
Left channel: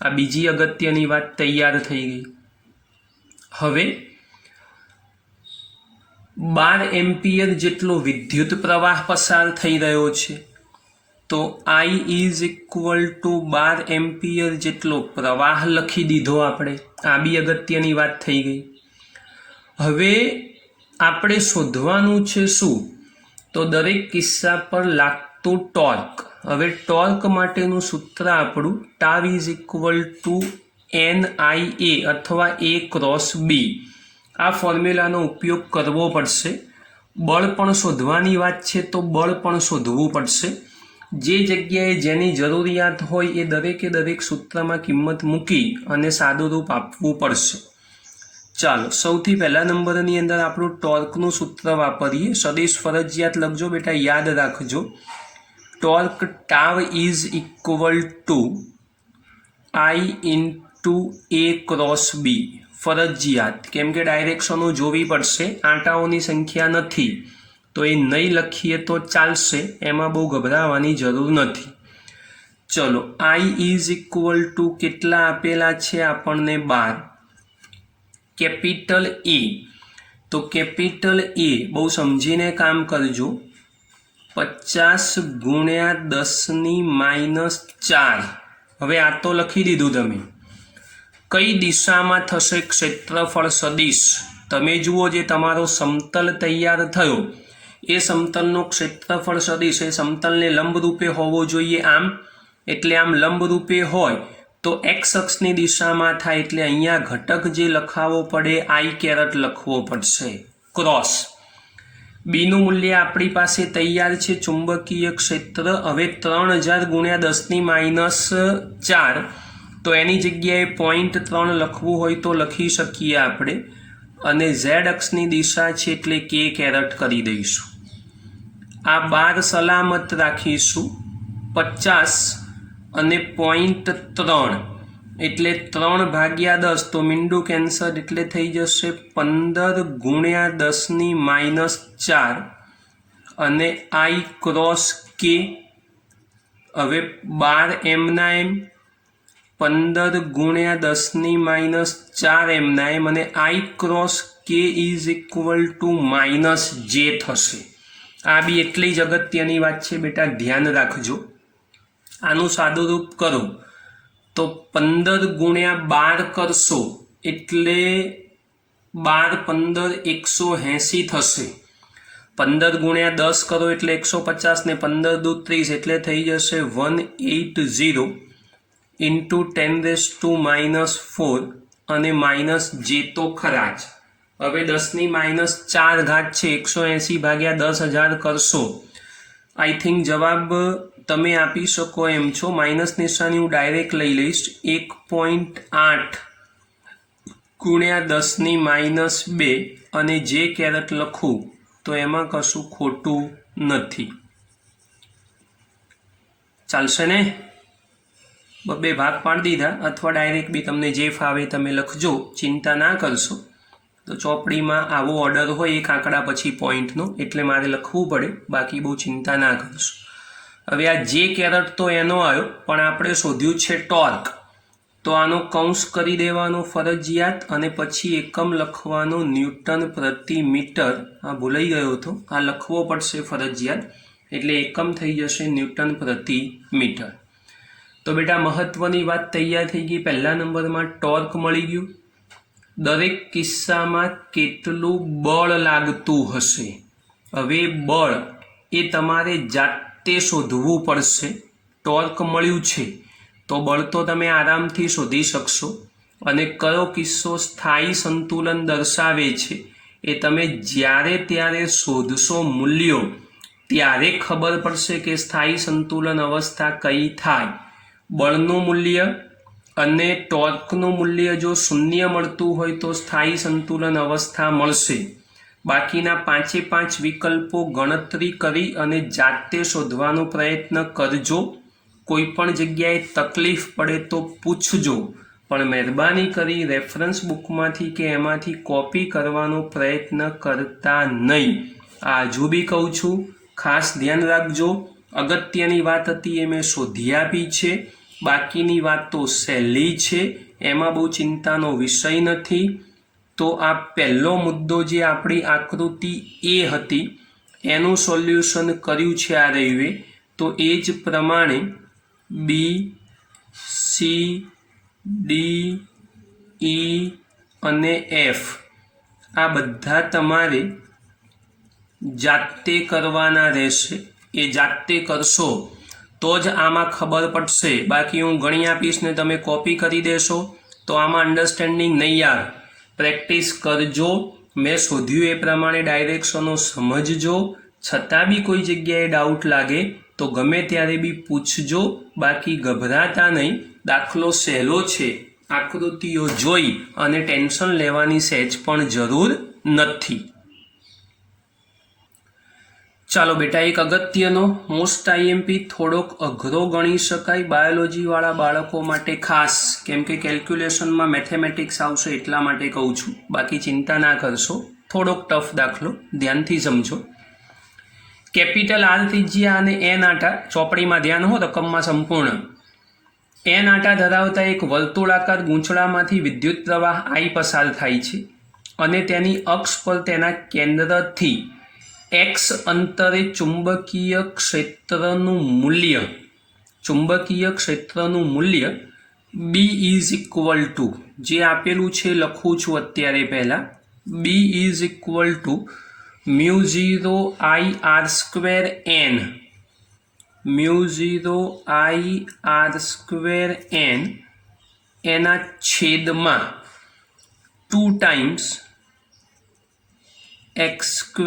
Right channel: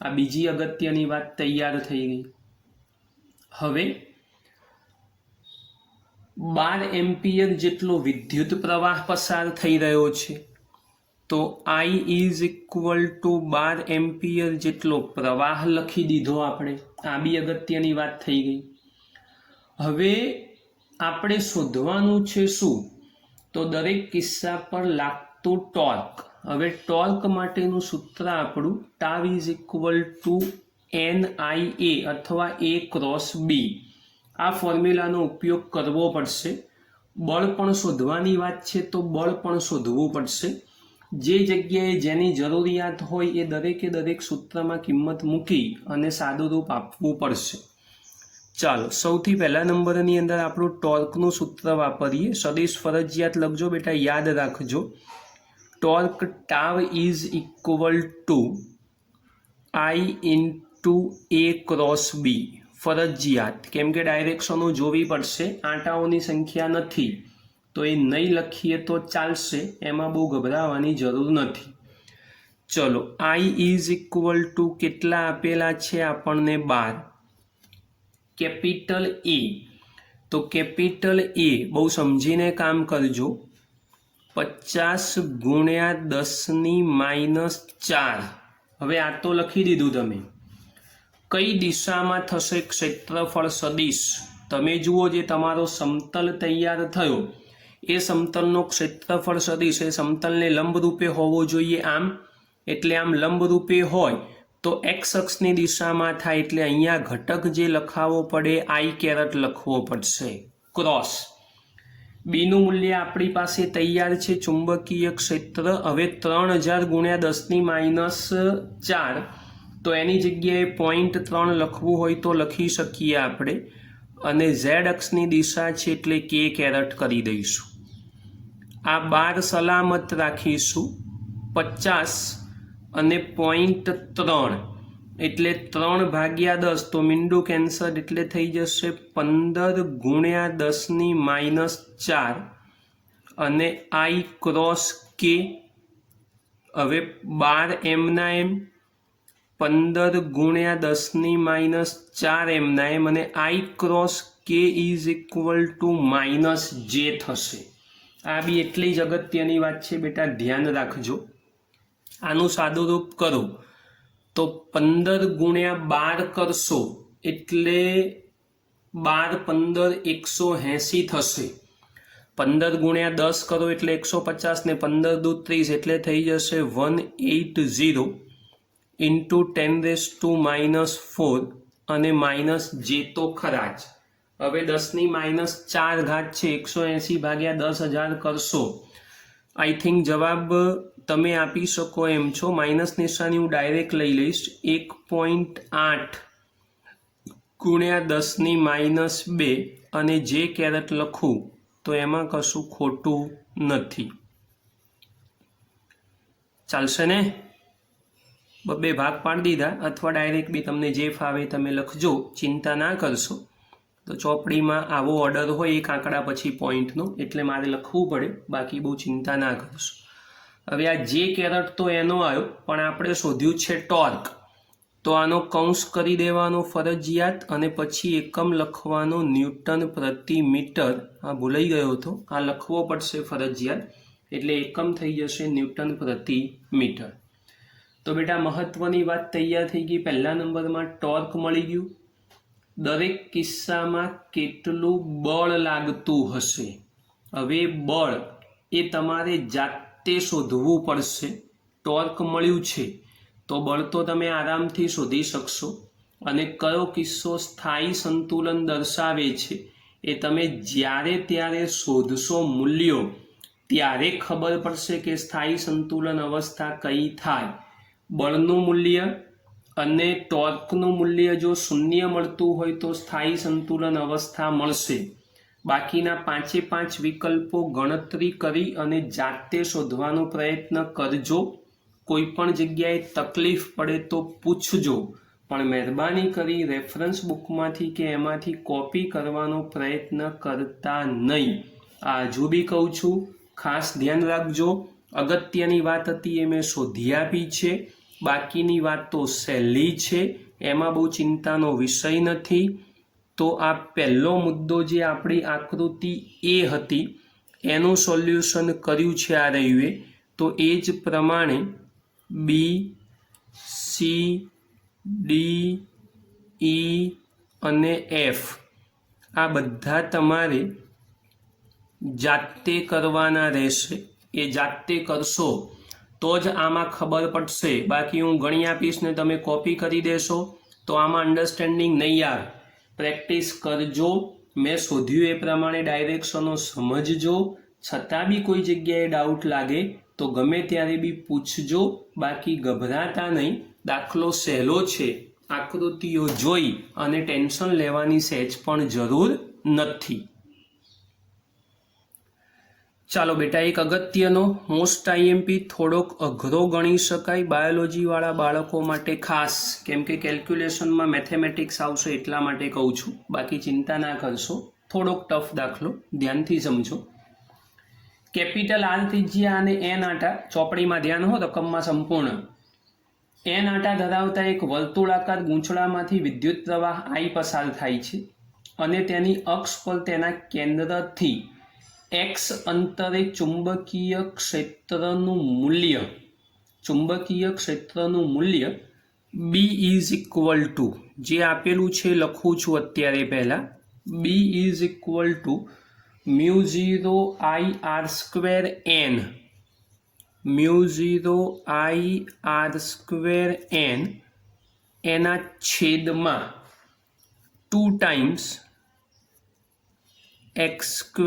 આ બીજી અગત્યની વાત તૈયાર થઈ ગઈ. હવે 12 એમ્પિયર જેટલો વિદ્યુત પ્રવાહ પસાર થઈ રહ્યો છે. તો I is equal two 12 ampere જેટલો પ્રવાહ લખી દીધો આપણે. આ બી અગત્યની વાત થઈ ગઈ. હવે આપણે શોધવાનું છે શું? તો દરેક કિસ્સા પર લાગતું ટોર્ક. હવે ટોર્ક માટેનું સૂત્ર આપણું tau is equal two NIA અથવા A ક્રોસ B. આ ફોર્મ્યુલાનો ઉપયોગ કરવો પડશે. બળ પણ શોધવાની વાત છે તો બળ પણ શોધવું પડશે. જે જગ્યાએ જેની જરૂરિયાત હોય એ દરેકે દરેક સૂત્રમાં કિંમત મૂકી અને સાદું રૂપ આપવું પડશે. ચાલો સૌથી પહેલા નંબરની અંદર આપણું ટોર્કનું સૂત્ર વાપરીએ. સદિશ ફરજિયાત લખજો બેટા, યાદ રાખજો. Torque tau is equal two I into A cross B. ફરજિયાત, કેમ કે ડાયરેક્શનો જોવી પડશે. આંટાઓની સંખ્યા નથી તો એ નહીં લખીએ તો ચાલશે, એમાં બહુ ગભરાવાની જરૂર નથી. ચલો I ઇઝ ઇક્વલ ટુ કેટલા આપેલા છે આપણને? 12. કેપિટલ A, તો કેપિટલ A બહુ સમજીને કામ કરજો. 50 ગુણ્યા 10⁻⁴. હવે આ તો લખી દીધું તમે. કઈ દિશામાં થશે ક્ષેત્રફળ સદિશ? તમે જુઓ જે તમારો સમતલ તૈયાર થયો એ સમતલનો ક્ષેત્રફળ સદિશ એ સમતલને લંબરૂપે હોવો જોઈએ. આમ એટલે આમ લંબરૂપે હોય તો એક્સ અક્ષની દિશામાં થાય, એટલે અહીંયા ઘટક જે લખાવવો પડે I કેરેટ લખવો પડશે. ક્રોસ બીનું મૂલ્ય આપણી પાસે તૈયાર છે, ચુંબકીય ક્ષેત્ર. હવે 3000 ગુણ્યા 10⁻⁴, તો એની જગ્યાએ 0.3 લખવું હોય તો લખી શકીએ આપણે. અને ઝેડ અક્ષની દિશા છે એટલે K કેરેટ કરી દઈશું. આ 12 સલામત રાખીશું. 50 અને 0.3 એટલે 3/10, તો મીંડું કેન્સર એટલે થઈ જશે 15 ગુણ્યા 10⁻⁴ અને I ક્રોસ K. હવે 12 એમના એમ, 15 ગુણ્યા 10⁻⁴ એમના એમ, અને I cross K is equal two -J થશે. આ બી એટલી જ અગત્યની વાત છે બેટા, ધ્યાન રાખજો. આનું સાદું રૂપ કરો તો 15 ગુણ્યા 12 કરશો એટલે 12 15 180 થશે. 15 ગુણ્યા 10 કરો એટલે 150 ને 15 દૂ 30 એટલે થઈ જશે 180 ઇન્ટુ 10⁻⁴ અને -J તો ખરા જ. હવે 10⁻⁴ છે, 180/10,000 કરશો. આઈ થિંક જવાબ તમે આપી શકો એમ છો. માઇનસ નિશાની હું ડાયરેક્ટ લઈ લઈશ. 1.8 ગુણ્યા 10⁻², અને જે કેરેટ લખું તો એમાં કશું ખોટું નથી. ચાલશે ને? બે ભાગ પાડી દીધા, અથવા ડાયરેક્ટ બી તમને જે ફાવે તમે લખજો, ચિંતા ના કરશો. તો ચોપડીમાં આવો ઓર્ડર હોય એક આંકડા પછી પોઈન્ટનો, એટલે મારે લખવું પડે, બાકી બહુ ચિંતા ના કરશો. હવે આ જે કેરેટ તો એનો આવ્યો, પણ આપણે શોધ્યું છે ટોર્ક. તો આનો કૌંસ કરી દેવાનો ફરજિયાત, અને પછી એકમ લખવાનો ન્યૂટન પ્રતિ મીટર. આ ભૂલાઈ ગયો હતો, આ લખવો પડશે ફરજિયાત, એટલે એકમ થઈ જશે ન્યૂટન પ્રતિ મીટર. તો બેટા મહત્વની વાત તૈયાર થઈ ગઈ. પહેલા નંબરમાં ટોર્ક મળી ગયું. દરેક કિસ્સામાં કેટલું બળ લાગતું હશે. હવે બળ એ તમારે જાતે શોધવું પડશે. ટોર્ક મળ્યું છે તો બળ તો તમે આરામથી શોધી શકશો, અને કયો કિસ્સો સ્થાયી સંતુલન દર્શાવે છે એ તમે જ્યારે ત્યારે શોધશો મૂલ્યો, ત્યારે ખબર પડશે કે સ્થાયી સંતુલન અવસ્થા કઈ થાય. બળનું મૂલ્ય અને ટોર્કનું મૂલ્ય જો શૂન્ય મળતું હોય તો સ્થાયી સંતુલન અવસ્થા મળશે. બાકીના 5 વિકલ્પો ગણતરી કરી અને જાતે શોધવાનો પ્રયત્ન કરજો. કોઈ પણ જગ્યાએ તકલીફ પડે તો પૂછજો, પણ મહેરબાની કરી રેફરન્સ બુકમાંથી કે એમાંથી કોપી કરવાનો પ્રયત્ન કરતા નહીં. આ હજુ બી કહું છું, ખાસ ધ્યાન રાખજો. અગત્યની વાત હતી એ મેં શોધી આપી છે, બાકીની વાત તો સહેલી છે, એમાં બહુ ચિંતાનો વિષય નથી. તો આ પહેલો મુદ્દો જે આપણી આકૃતિ એ હતી એનું સોલ્યુશન કર્યું છે આ રવિએ. તો એ જ પ્રમાણે બી, સી, ડી, ઈ અને એફ આ બધા તમારે જાતે કરવાના રહેશે. એ જાતે કરશો તો જ આમાં ખબર પડશે. બાકી હું ગણી આપીશ ને તમે કોપી કરી દેશો તો આમાં અન્ડરસ્ટેન્ડિંગ નહીં આવે. પ્રેક્ટિસ કરજો. મેં શોધ્યું એ પ્રમાણે ડાયરેક્શનો સમજજો. છતાં બી કોઈ જગ્યાએ ડાઉટ લાગે તો ગમે ત્યારે બી પૂછજો. બાકી ગભરાતા નહીં. દાખલો સહેલો છે, આકૃતિઓ જોઈ અને ટેન્શન લેવાની સહેજ પણ જરૂર નથી. ચાલો બેટા, એક અગત્યનો મોસ્ટ આઈએમપી થોડોક અઘરો ગણી શકાય બાયોલોજીવાળા બાળકો માટે ખાસ, કેમ કે કેલ્ક્યુલેશનમાં મેથેમેટિક્સ આવશે એટલા માટે કહું છું. બાકી ચિંતા ના કરશો. થોડોક ટફ દાખલો, ધ્યાનથી સમજો. કેપિટલ આર ત્રિજ્યા અને એન આટા, ચોપડીમાં ધ્યાન હો, રકમમાં સંપૂર્ણ. એન આટા ધરાવતા એક વર્તુળાકાર ગૂંચળામાંથી વિદ્યુત પ્રવાહ આઈ પસાર થાય છે અને તેની અક્ષ પર તેના કેન્દ્રથી એક્સ અંતરે ચુંબકીય ક્ષેત્રનું મૂલ્ય બી ઇઝ ઇક્વલ ટુ, જે આપેલું છે લખું છું અત્યારે પહેલા, B is equal to μ0 I r² n, μ0 I r² n એના છેદમાં 2 times x²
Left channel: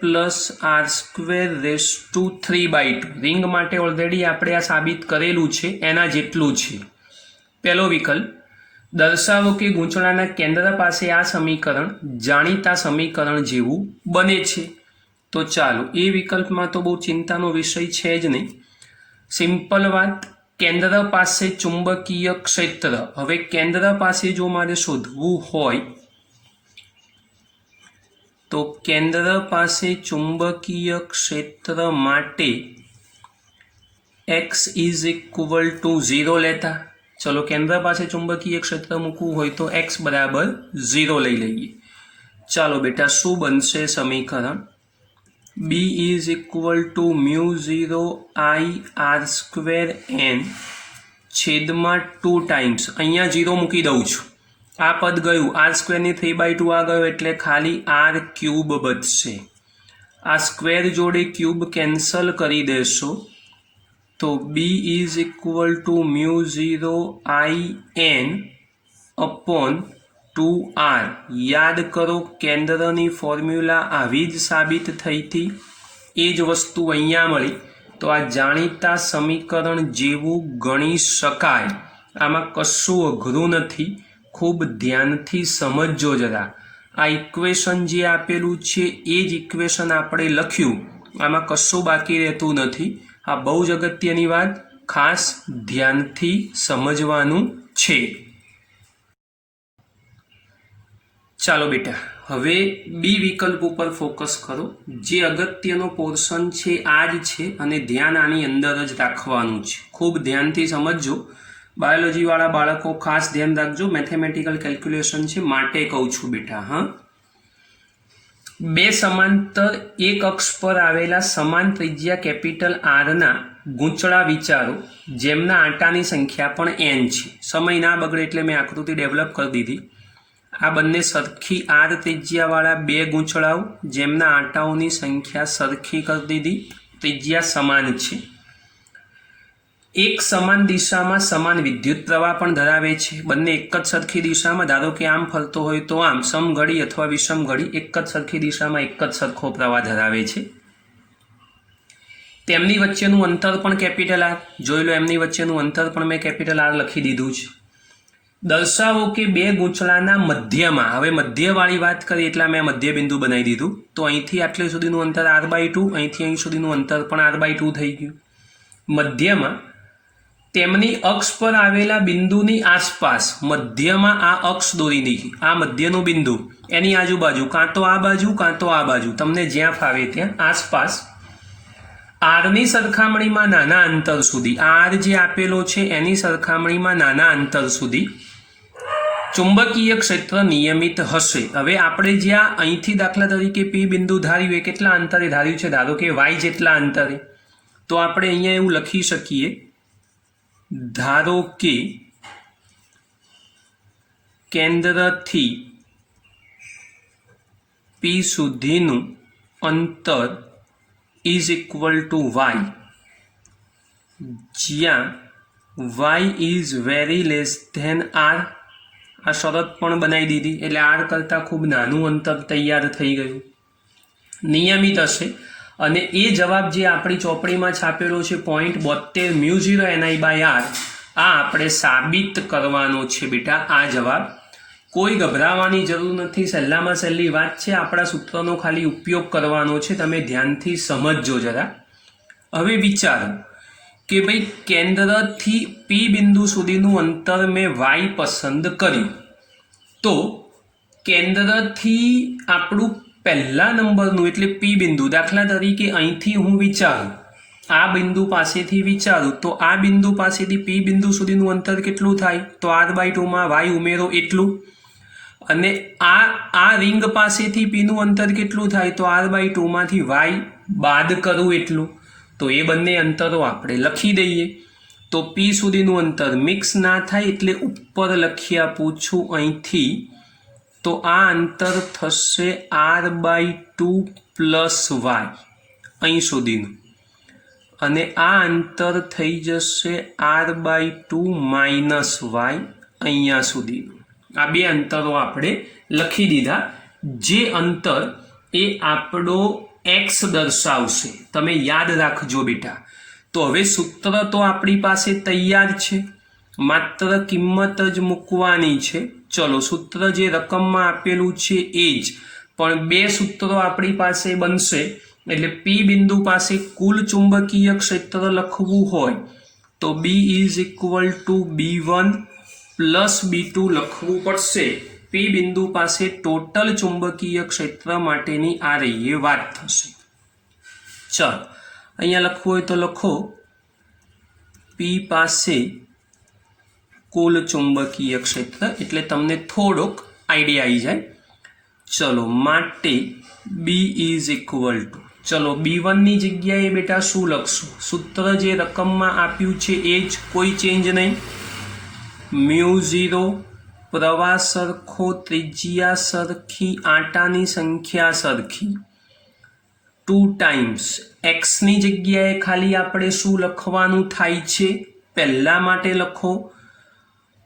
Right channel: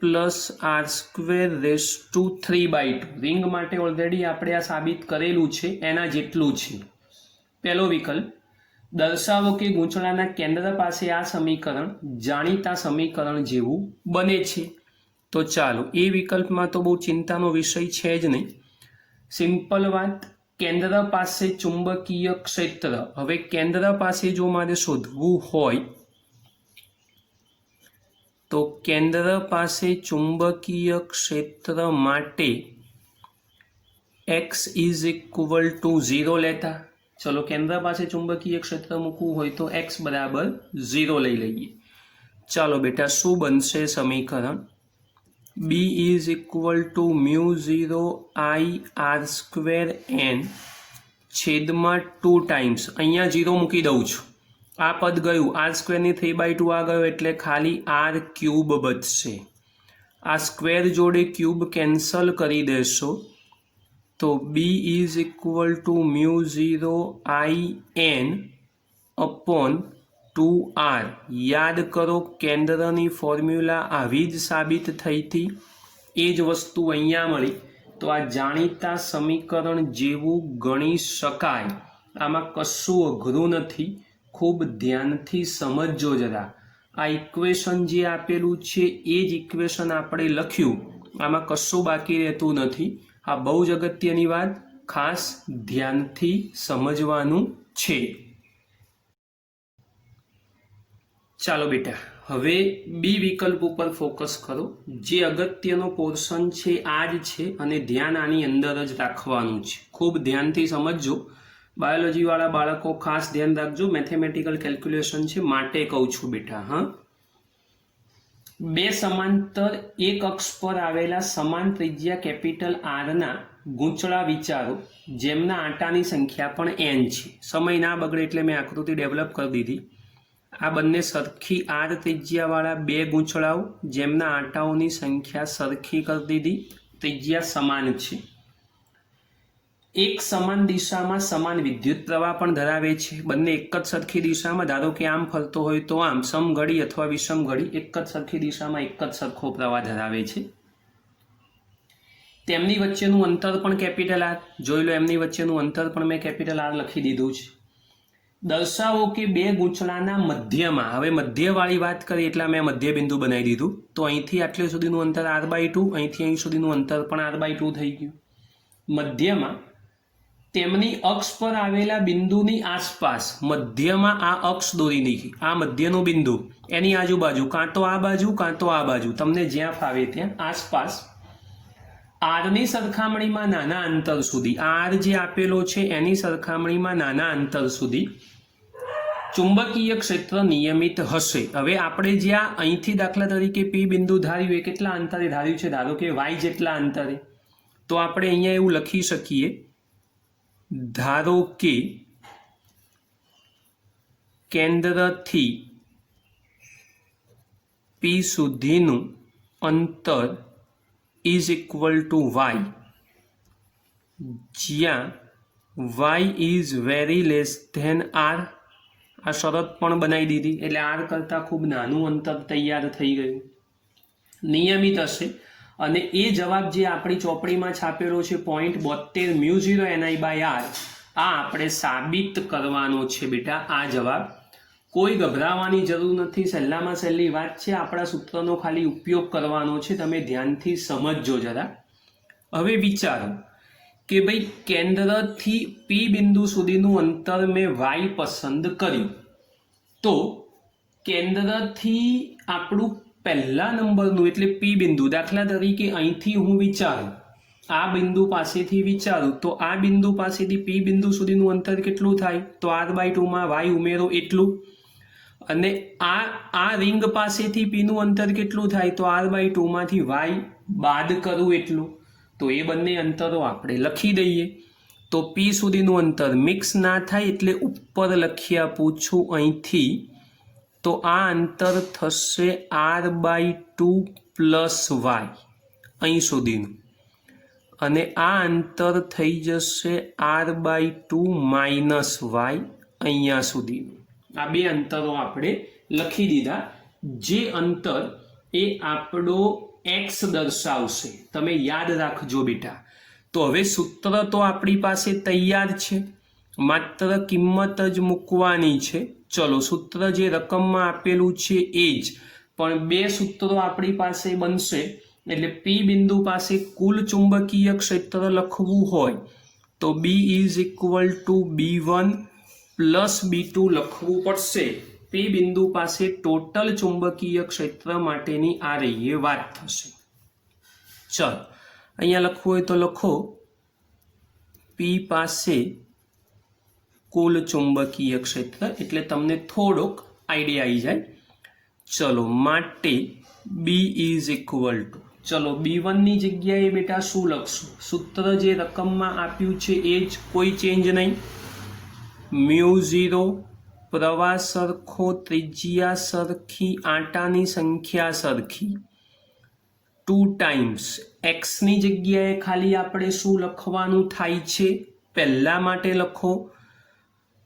plus r²⁵ ring માટે ઓલરેડી આપણે આ સાબિત કરેલું છે, એના જેટલું છે. પહેલો વિકલ્પ, દર્શાવો કે ગૂંચળાના કેન્દ્ર પાસે આ સમીકરણ જાણીતા સમીકરણ જેવું બને છે. તો ચાલો, એ વિકલ્પમાં તો બહુ ચિંતાનો વિષય છે જ નહીં. સિમ્પલ વાત, કેન્દ્ર પાસે ચુંબકીય ક્ષેત્ર. હવે કેન્દ્ર પાસે જો મારે શોધવું હોય તો કેન્દ્ર પાસે ચુંબકીય ક્ષેત્ર માટે x ઇઝ ઇક્વલ ટુ 0 લેતા. ચલો, કેન્દ્ર પાસે ચુંબકીય ક્ષેત્ર મૂકવું હોય તો x બરાબર 0 લઈ લઈએ. ચાલો બેટા, શું બનશે સમીકરણ? b is equal to μ0 I r² n છેદમાં 2 ટાઈમ્સ, અહીંયા 0 મૂકી દઉં છું. આ પદ ગયું, r² ની 3/2 આ ગયો એટલે ખાલી r³ બચશે. આ સ્ક્વેર જોડે ક્યુબ કેન્સલ કરી દેશો તો b is equal to μ0 I n upon 2r. યાદ કરો, કેન્દ્રની ફોર્મ્યુલા આવી જ સાબિત થઈ હતી, એ જ વસ્તુ અહીંયા મળી. તો આ જાણીતા સમીકરણ જેવું ગણી શકાય. આમાં કશું અઘરું નથી, ખૂબ ધ્યાનથી સમજજો જરા. આ ઇક્વેશન જે આપેલું છે એ જ ઇક્વેશન આપણે લખ્યું, આમાં કશું બાકી રહેતું નથી. આ બહુ જ અગત્યની વાત, ખાસ ધ્યાનથી સમજવાનું છે. ચાલો બેટા, હવે બી વિકલ્પ ઉપર ફોકસ કરો. જે અગત્યનો પોર્શન છે આ જ છે અને ધ્યાન આની અંદર જ રાખવાનું છે. ખૂબ ધ્યાનથી સમજજો. બાયોલોજીવાળા બાળકો ખાસ ધ્યાન રાખજો, મેથેમેટિકલ કેલ્ક્યુલેશન છે માટે કહું છું બેટા. હા, બે સમાંતર એક અક્ષ પર આવેલા સમાન ત્રિજ્યા કેપિટલ આરના ગૂંચળા વિચારો જેમના આંટાની સંખ્યા પણ n છે. સમય ના બગડે એટલે મેં આકૃતિ ડેવલપ કરી દીધી. આ બંને સરખી આર ત્રિજ્યાવાળા બે ગૂંચળાઓ જેમના આંટાઓની સંખ્યા સરખી કરી દીધી, ત્રિજ્યા સમાન છે, એક સમાન દિશામાં સમાન વિદ્યુત પ્રવાહ પણ ધરાવે છે, બંને એક જ સરખી દિશામાં, ધારો કે આમ ફરતો હોય તો આમ, સમઘડી અથવા વિષમઘડી એક જ સરખી દિશામાં એક જ સરખો પ્રવાહ ધરાવે છે. તેમની વચ્ચેનું અંતર પણ કેપિટલ આર, જોઈ લો એમની વચ્ચેનું અંતર પણ મેં કેપિટલ આર લખી દીધું છે. દર્શાવો કે બે ગૂંચળાના મધ્યમાં, હવે મધ્યવાળી વાત કરી એટલે મેં મધ્ય બિંદુ બનાવી દીધું, તો અહીંથી આટલે સુધીનું અંતર r/2, અહીંથી અહીં સુધીનું અંતર પણ r/2 થઈ ગયું. મધ્યમાં તેમની અક્ષ પર આવેલા બિંદુની આસપાસ, મધ્યમાં આ અક્ષ દોરી દીધી, આ મધ્યનું બિંદુ, એની આજુબાજુ કાં તો આ બાજુ કાં તો આ બાજુ, તમને જ્યાં ફાવે ત્યાં આસપાસ આરની સરખામણીમાં નાના અંતર સુધી, આર જે આપેલો છે એની સરખામણીમાં નાના અંતર સુધી ચુંબકીય ક્ષેત્ર નિયમિત હશે. હવે આપણે જ્યાં અહીંથી દાખલા તરીકે પી બિંદુ ધાર્યું એ કેટલા અંતરે ધાર્યું છે, ધારો કે વાય જેટલા અંતરે, તો આપણે અહીંયા એવું લખી શકીએ, ધારો કે કેન્દ્રથી પી સુધીનું અંતર ઇઝ ઇક્વલ ટુ વાય, જ્યાં Y is very less than R. આ શરત પણ બનાવી દીધી એટલે આર કરતાં ખૂબ નાનું અંતર તૈયાર થઈ ગયું, નિયમિત હશે. અને એ જવાબ જે આપણી ચોપડીમાં છાપેલો છે 0.72 μ0 NI/r, આ આપણે સાબિત કરવાનો છે બેટા. આ જવાબ કોઈ ગભરાવાની જરૂર નથી, સહેલામાં સહેલી વાત છે, આપણા સૂત્રનો ખાલી ઉપયોગ કરવાનો છે, તમે ધ્યાનથી સમજજો જરા. હવે વિચારો કે ભાઈ કેન્દ્રથી પી બિંદુ સુધીનું અંતર મેં વાય પસંદ કર્યું, તો કેન્દ્રથી આપણું પહેલા નંબરનું એટલે પી બિંદુ, દાખલા તરીકે અહીંથી હું વિચારું, આ બિંદુ પાસેથી વિચારું તો આ બિંદુ પાસેથી પી બિંદુ સુધીનું અંતર કેટલું થાય, તો r/2 માં વાય ઉમેરો એટલું. અને આ રિંગ પાસેથી પીનું અંતર કેટલું થાય, તો r/2 માંથી વાય બાદ કરવું એટલું. તો એ બંને અંતરો આપણે લખી દઈએ. તો પી સુધીનું અંતર મિક્સ ના થાય એટલે ઉપર લખી આપું છું અહીંથી, તો આ અંતર થશે r/2 પ્લસ વાય અહીં સુધીનું, અને આ અંતર થઈ જશે r/2 માઇનસ વાય અહીંયા સુધીનું. આ બે અંતરો આપણે લખી દીધા, જે અંતર એ આપણો એક્સ દર્શાવશે, તમે યાદ રાખજો બેટા. તો હવે સૂત્ર તો આપણી પાસે તૈયાર છે, માત્ર કિંમત જ મૂકવાની છે. ચલો, સૂત્ર જે રકમમાં આપેલું છે એ જ, પણ બે સૂત્રો આપણી પાસે બનશે. એટલે પી બિંદુ પાસે કુલ ચુંબકીય ક્ષેત્ર લખવું હોય તો B is equal two B1 plus B2 લખવું પડશે. પી બિંદુ પાસે ટોટલ ચુંબકીય ક્ષેત્ર માટેની આ રહી વાત થશે. ચલો, અહીંયા લખવું હોય તો લખો, પી પાસે કુલ ચુંબકીય ક્ષેત્ર, એટલે તમને થોડોક આઈડિયા આવી જાય. ચલો, માટે બી ઇઝ ઇક્વલ ટુ, ચલો B1 ની જગ્યાએ બેટા શું લખશું, સૂત્ર જે રકમમાં આપ્યું છે એ જ, કોઈ ચેન્જ નહીં. μ0 પ્રવાહ સરખો, ત્રિજ્યા સરખી, આંટાની સંખ્યા સરખી, 2 ટાઈમ્સ x ની જગ્યાએ ખાલી આપણે શું લખવાનું થાય છે, પહેલા માટે લખો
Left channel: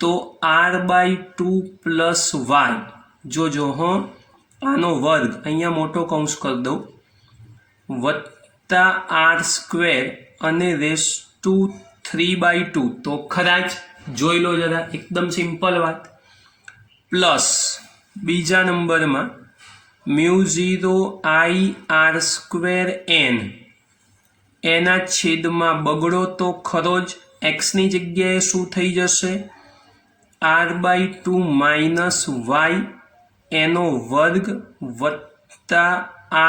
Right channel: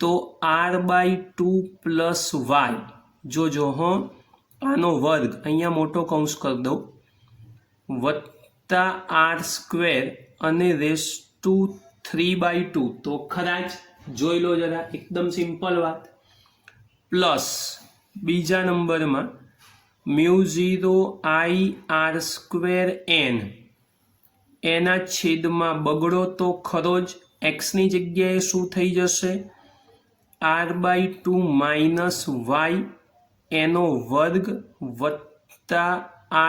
તો r/2 પ્લસ વાય, જોજો હો, આનો વર્ગ અહીંયા મોટો કૌંસ કરી દઉં, વત્તા r² અને રેસ ટુ 3/2, તો ખરા જ, જોઈ લો જરા, એકદમ સિમ્પલ વાત. પ્લસ બીજા નંબરમાં μ0I_r²n, એના છેદમાં બગડો તો ખરો જ, x ની જગ્યાએ શું થઈ જશે, r/2 માઇનસ વાય એનો વર્ગ વત્તા r²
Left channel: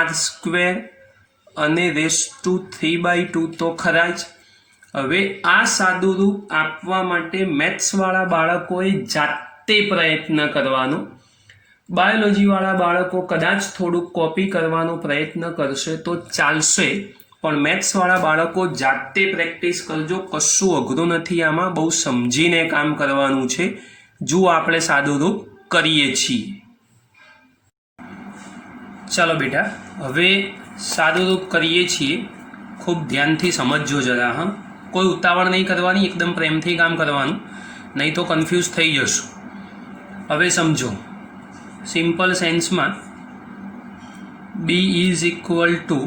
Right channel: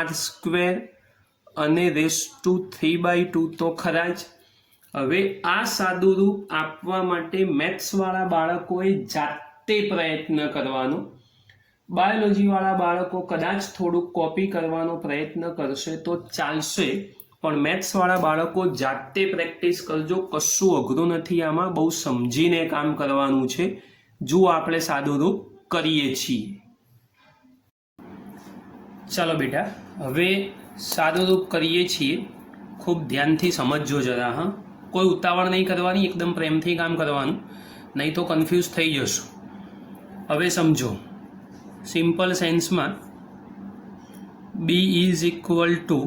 અને રેસ ટુ 3/2, તો ખરા જ. હવે આ સાદું રૂપ આપવા માટે મેથ્સવાળા બાળકોએ જાતે પ્રયત્ન કરવાનો, બાયોલોજીવાળા બાળકો કદાચ થોડુંક કોપી કરવાનો પ્રયત્ન કરશે તો ચાલશે, પણ મેથ્સવાળા બાળકો જાતે પ્રેક્ટિસ કરજો, કશું અઘરું નથી આમાં, બહુ સમજીને કામ કરવાનું છે. જુઓ આપણે સાદું રૂપ કરીએ છીએ। ચાલો બેટા, હવે સાદુરૂપ કરીએ છીએ। ખૂબ ધ્યાનથી સમજજો જરા, હા, કોઈ ઉતાવળ નહીં કરવાની, એકદમ પ્રેમથી કામ કરવાનું, નહીં તો કન્ફ્યુઝ થઈ જશું। હવે સમજો, સિમ્પલ સેન્સમાં b is equal to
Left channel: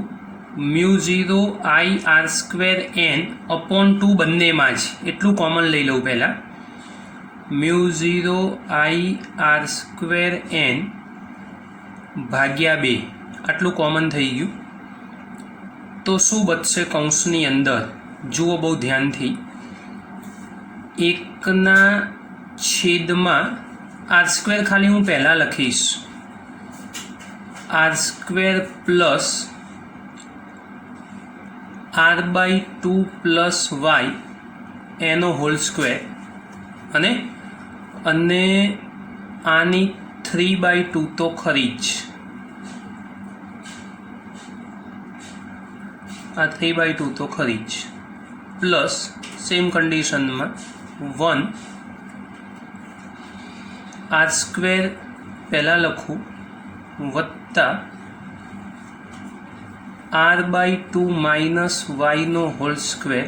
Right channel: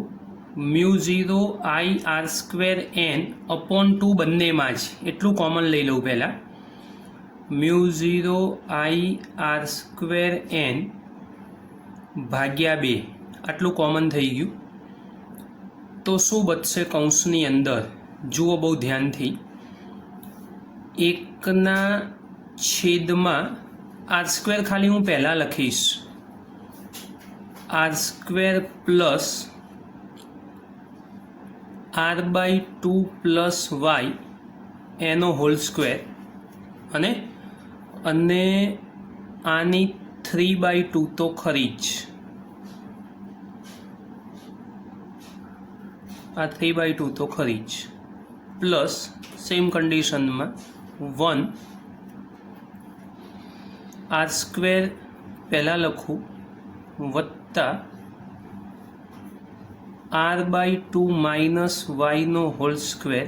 μ0 I r²n/2 બંનેમાં જ એટલું કોમન લઈ લઉં પહેલાં। μ0 I r²n/2 આટલું કોમન થઈ ગયું તો શું બચશે કૌંસની અંદર? જુઓ બહુ ધ્યાનથી, 1/છેદમાં r² ખાલી હું પહેલાં લખીશ, r² plus r/2 plus y એનો હોલ સ્ક્વેર, અને આની 3/2 તો ખરી જ, આ 3/2 તો ખરી જ, પ્લસ સેમ કન્ડિશનમાં 1 r² પહેલાં લખું વત્તા r/2 માઇનસ yનો હોલ સ્ક્વેર,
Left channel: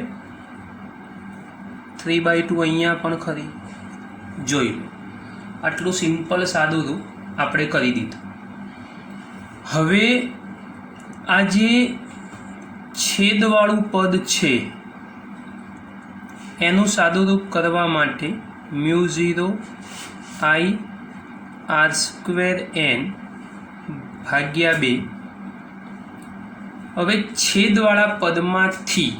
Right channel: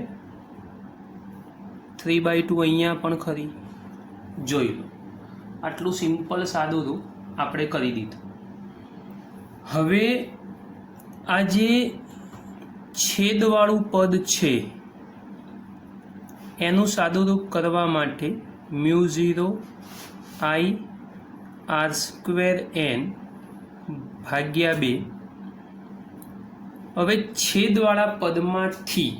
3/2 અહીંયા પણ ખરી, જોઈ લો। આટલું સિમ્પલ સાદું આપણે કરી દીધું। હવે આ જે છેદવાળું પદ છે એનું સાદુરૂપ કરવા માટે μ0 I r²n/2। હવે છેદવાળા પદમાંથી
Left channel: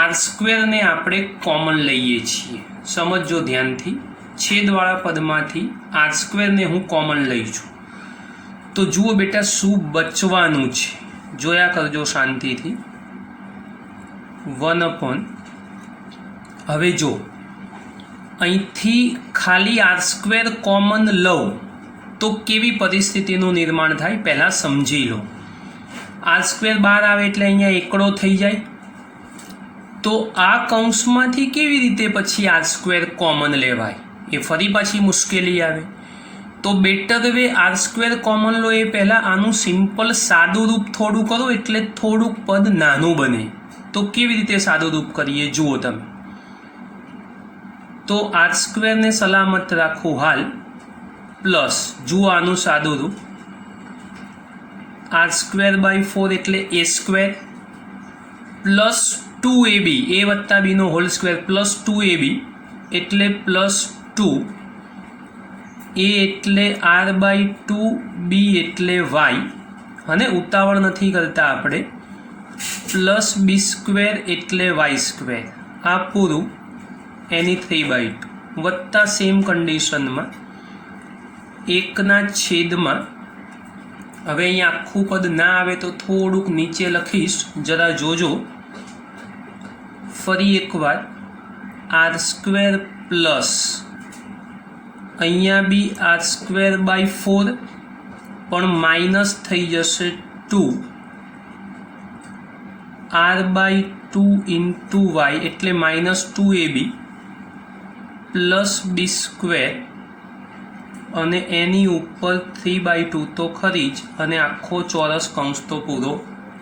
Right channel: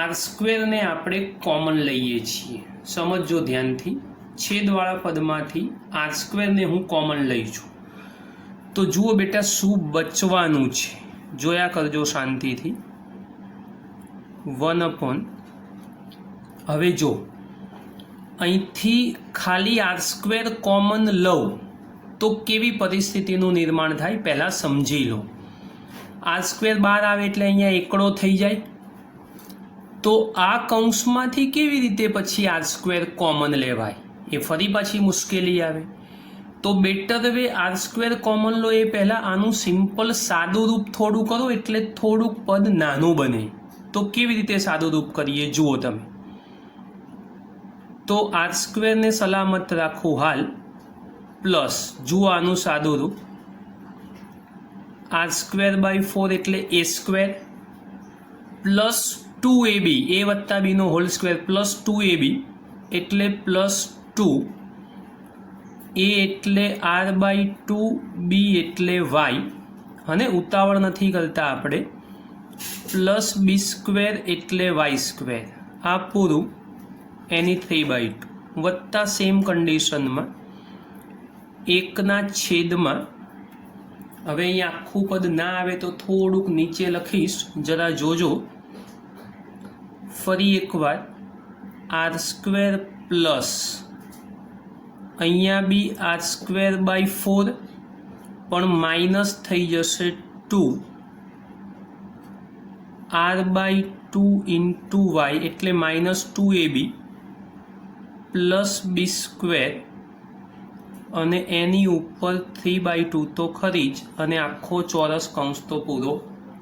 r² ને આપણે કોમન લઈએ છીએ। સમજો ધ્યાનથી, છેદવાળા પદમાંથી r² ને હું કોમન લઈ છું તો જુઓ બેટા શું બચવાનું છે, જોયા કરજો શાંતિથી। 1/, હવે જો અહીંથી ખાલી r² કોમન લઉં તો કેવી પરિસ્થિતિનું નિર્માણ થાય પહેલાં સમજી લો। r² બહાર આવે એટલે અહીંયા એકડો થઈ જાય, તો આ કૌંસમાંથી કેવી રીતે પછી r² કોમન લેવાય એ ફરી પાછી મુશ્કેલી આવે। તો બેટર વે r² કોમન લો એ પહેલાં આનું સિમ્પલ સાદું રૂપ થોડું કરો એટલે થોડુંક પદ નાનું બને। તો કેવી રીતે સાદું રૂપ કરીએ જુઓ તમે, તો r² ને સલામત રાખું હાલ, પ્લસ જુઓ આનું સાદું રૂપ r²/4 એટલે a² પ્લસ 2ab, a વત્તા b નો હોલ સ્ક્વેર પ્લસ 2ab એટલે પ્લસ 2, a એટલે r/2, b એટલે y, અને ઉતાવળ નથી કરતા આપણે, પ્લસ b² એટલે y², આ પૂરું એની 3/2 વત્તા સેમ કન્ડિશનમાં 1/છેદમાં, હવે અહીંયા આખું પદ ના આવે તો થોડુંક નીચે લખીશ, જરા જોજો, ફરી એકવાર r² પ્લસ અહીંયા બી r²/4 પણ માઇનસ થઈ જશે 2 r/2 ઇન્ટુ y એટલે -2ab પ્લસ b² અને એની ઉપર 3/2 તો ખરી જ, અને આખો ચોરસ કૌંસ તો પૂરો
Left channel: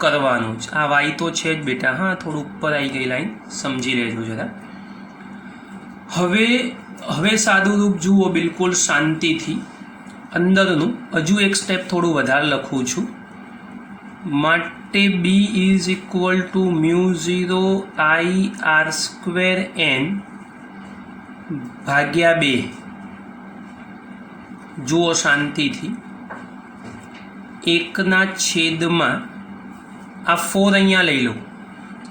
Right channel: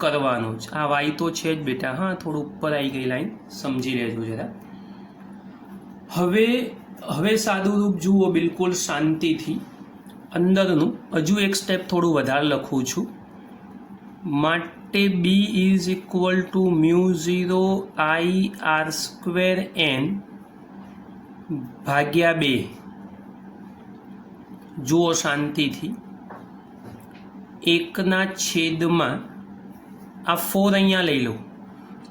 કરવાનો જ। આ y તો છે જ બેટા, હા, થોડું ઉપર આવી ગઈ લાઈન, સમજી લેજો જરા। હવે સાદું રૂપ જુઓ બિલકુલ શાંતિથી, અંદરનું હજુ એક સ્ટેપ થોડું વધારે લખું છું, માટે b is equal to μ0 I r²n/2। જુઓ શાંતિથી, 1/છેદમાં આ 4 અહીંયા લઈ લો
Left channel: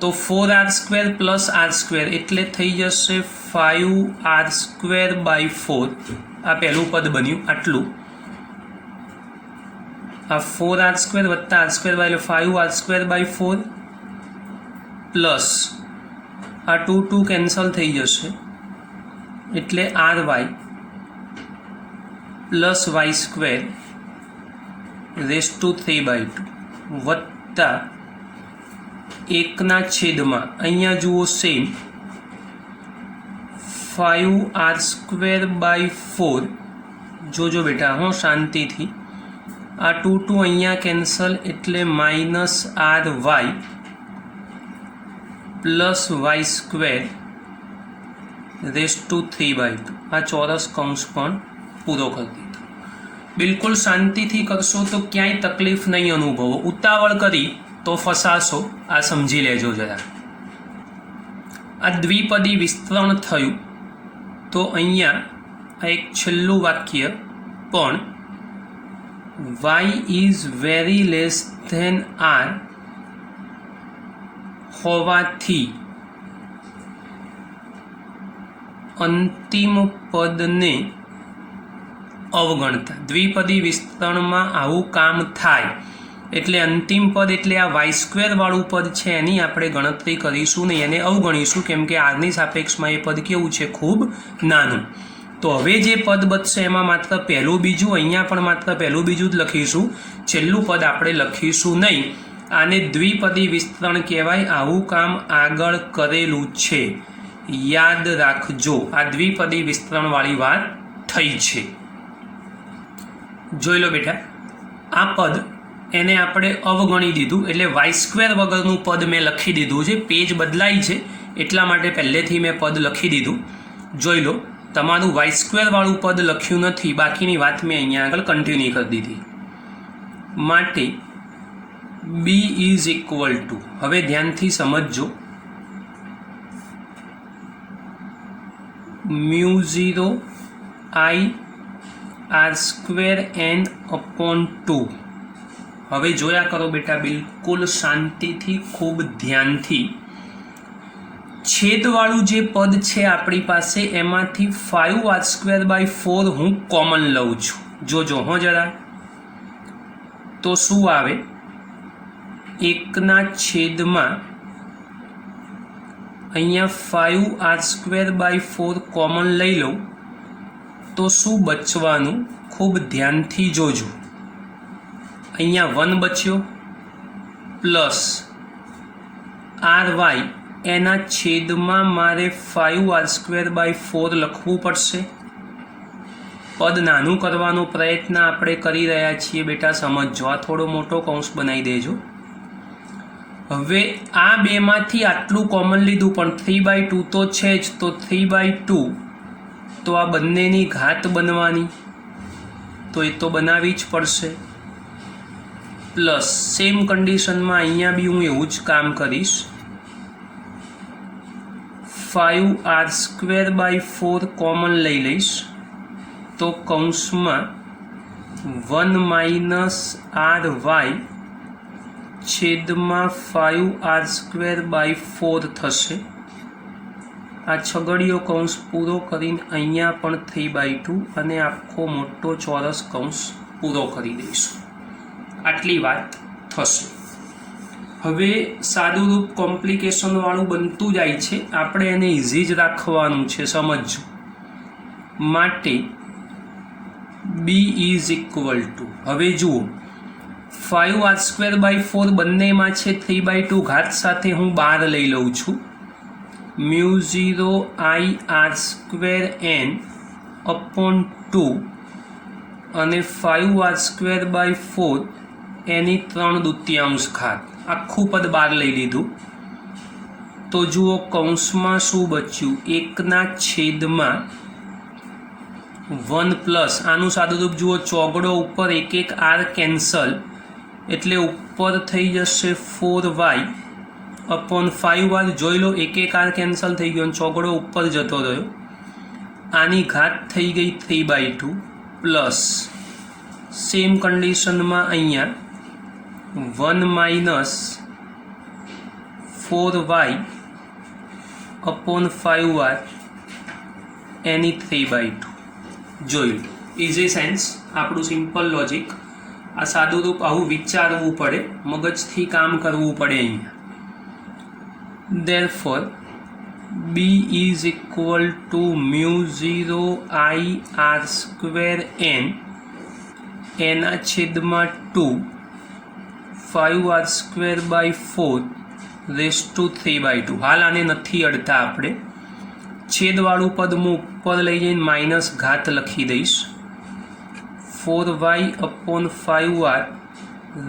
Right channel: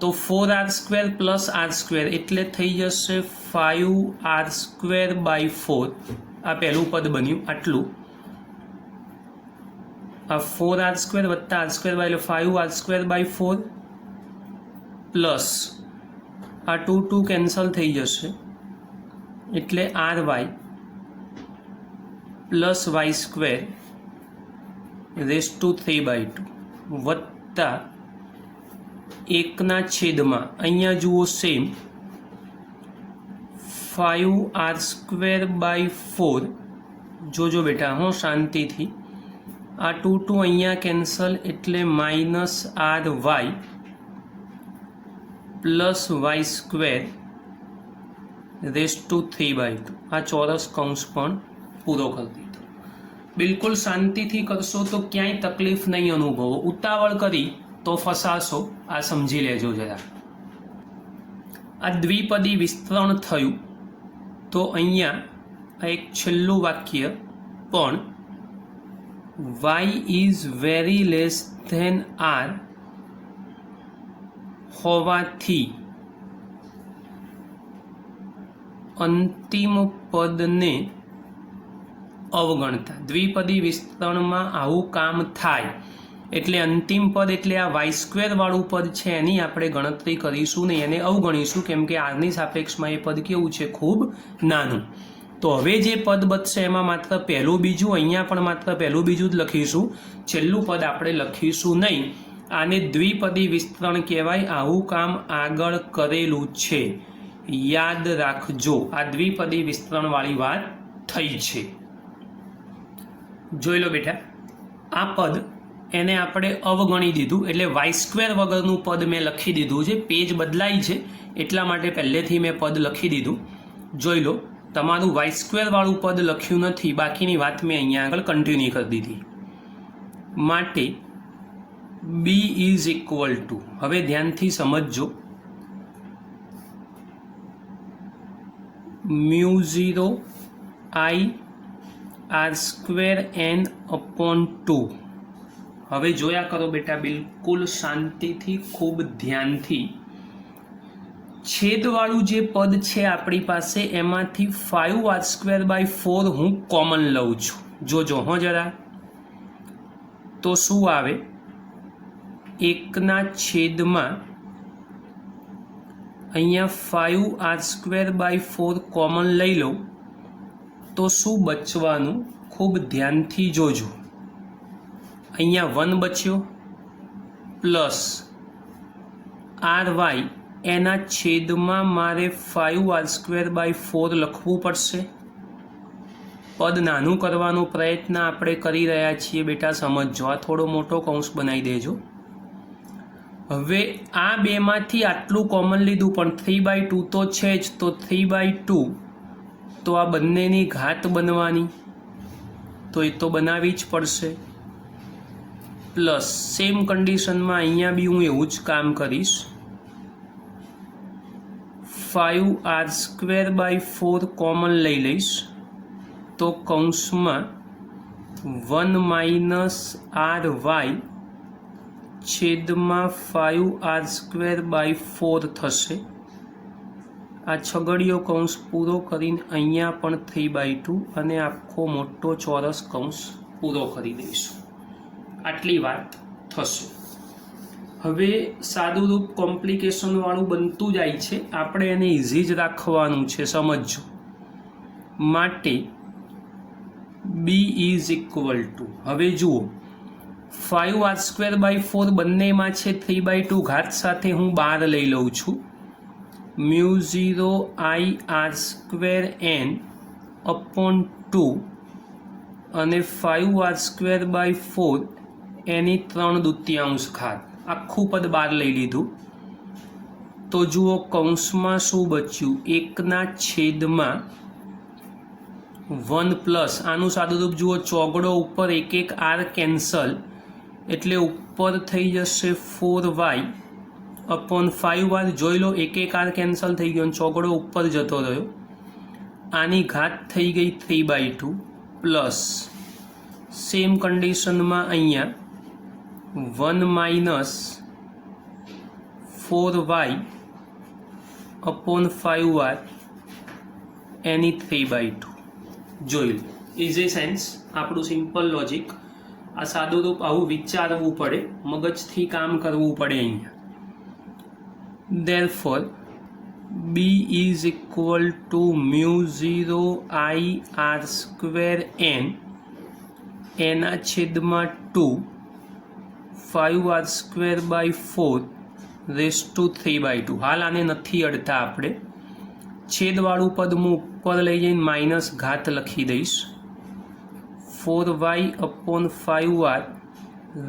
તો 4r² પ્લસ r² એટલે થઈ જશે 5r²/4, આ પહેલું પદ બન્યું આટલું, આ 4r² વત્તા r² એટલે 5r²/4 પ્લસ આ 2 કેન્સલ થઈ જશે એટલે ry plus y² rays two 3/2 વત્તા 1/છેદમાં અહીંયા જુઓ સેમ 5r²/4 જોજો બેટા હું શાંતિથી આ 2 2 અહીંયા કેન્સલ એટલે minus R Y plus Y square raise to 3/2 આ ચોરસ કૌંસ પણ પૂરો કરી દીધો. બિલકુલ શાંતિથી કરશો તો ક્યાંય તકલીફ નહીં અનુભવો. ઉતાવળ કરી તો ફસાશો. આ સમજી લેજો જરા. આ દ્વિપદી વિસ્તરણ થયું તો અહીંયા આ એક છેલ્લું વાક્ય પણ y is very less than r હોવાથી અંતિમ પદને અવગણતા. દ્વિપદી વિસ્તરણમાં આવું કામ થાય એટલે અંતિમ પદ એટલે આ વાય સ્ક્વેર વાળું પદ છે એની આપણે ગણતરી કરીશું નહીં, એને અવગણીશું, કેમ કે આરની સાપેક્ષમાં એ પદ કેવું છે, ખૂબ નાનું. તો હવે જે પદ બચશે એમાં માત્ર પહેલું બીજું, અહીંયા પણ માત્ર પહેલું બીજું જ લખીશું, છેલ્લું પદ આપણે લખીશું નહીં. આને દ્વિપદી વિસ્તરણ કહેવાય. આવું કામ આગળ કરેલું છે, યાદ રાખજો. આ દ્વિપદી વિસ્તરણવાળી વાત થઈ છે. જોઈ લો બેટા, આ પદ એને આપણે અવગણી દીધું એટલે વાય સ્ક્વેર વગરનું પદ મેં લખી દીધું છે. પેજ બદલાય છે એટલા માટે પહેલેથી મેં પદ લખી દીધું. જોઈ લો, તમારું વાય સ્ક્વેર વાળું પદ લખ્યું નથી, બાકીની વાત મેં અહીંયા આગળ કન્ટિન્યુ કરી દીધી. માટે બી ઇઝ ઇક્વલ ટુ, હવે ધ્યાનથી સમજજો, μ0 I r square n upon 2. હવે જોયા કરો બેટા, બિલકુલ શાંતિથી, ખૂબ ધ્યાનથી. છેદવાળું જે પદ છે આપણી પાસે એમાંથી 5r²/4 હું કોમન લઉં છું. જોજો હો જરા, તો શું આવે, 1/, અહીંયા 5r²/4 કોમન લઈ લઉં તો શું બચવાનું, ખૂબ ધ્યાનથી જોજો. અહીંયા 1 બચ્યો પ્લસ ry, એના છેદમાં મારે 5r²/4 લખવું પડશે. પદ નાનું કરવાનો પ્રયત્ન આપણે કરી રહ્યા છીએ બેટા, સમજો. આ થોડો મોટો કૌંસ બનાવી દેજો. હવે આ બેમાંથી આટલું કોમન લીધું પણ 3/2 તો છે જ, તો 3/2 તો આ બંનેની ઘાત બનવાની, તો એ તો બનાવવી જ પડશે. પ્લસ સેમ કન્ડિશનમાં અહીંયા બી હું એવું જ કામ કરીશ, 5r²/4 કોમન લઈ લઈશ તો કૌંસમાં 1 - ry છેદમાં 5r²/4 થશે. આ છગડીયો કૌંસ પૂરો કરીને અહીંયા પણ 3/2 અને આખો મોટો ચોરસ કૌંસ પૂરો કરી દઈશું. આટલી વાત થશે. હવે સાદું રૂપ કોમ્પ્લિકેશન વાળું બનતું જાય છે, આપણે એને ઇઝી જ રાખવાનું છે, સમજો. માટે બી ઇઝ ઇક્વલ ટુ, હવે જુઓ 5r²/4 બંનેમાં છે, 3/2 ઘાત સાથે હું 12 લઈ લઉં છું, μ0 I r²n અપોન 2 અને 5r²/4 એની 3/2 ઘાત, આખું પદ 12 લઈ લીધું. તો જુઓ કૌંસમાં શું બચ્યું, 1/1 પ્લસ આનું સાદું રૂપ જુઓ, ચોગડો ઉપર એક r કેન્સલ એટલે ઉપર થઈ જશે 4y અપોન 5r. જોઈ લો, એક r કેન્સલ થઈ ગયો, ચોગડો ઉપર જતો રહ્યો, આની ઘાત થઈ ગઈ 3/2 પ્લસ સેમ કન્ડિશનમાં અહીંયા 1 - 4y અપોન 5r એની 3/2. જોઈ લો, ઇઝી સેન્સ, આપણું સિમ્પલ લોજિક. આ સાદું રૂપ આવું વિચારવું પડે, મગજથી કામ કરવું પડે અહીંયા. Therefore B is equal to μ0 I r²n એના છેદમાં 2 5r²/4 રેસ ટુ 3/2. હાલ આને નથી અડતા આપણે, છેદવાળું પદ હું ઉપર લઈ જઈને માઇનસ ઘાત લખી દઈશ. 4y/5r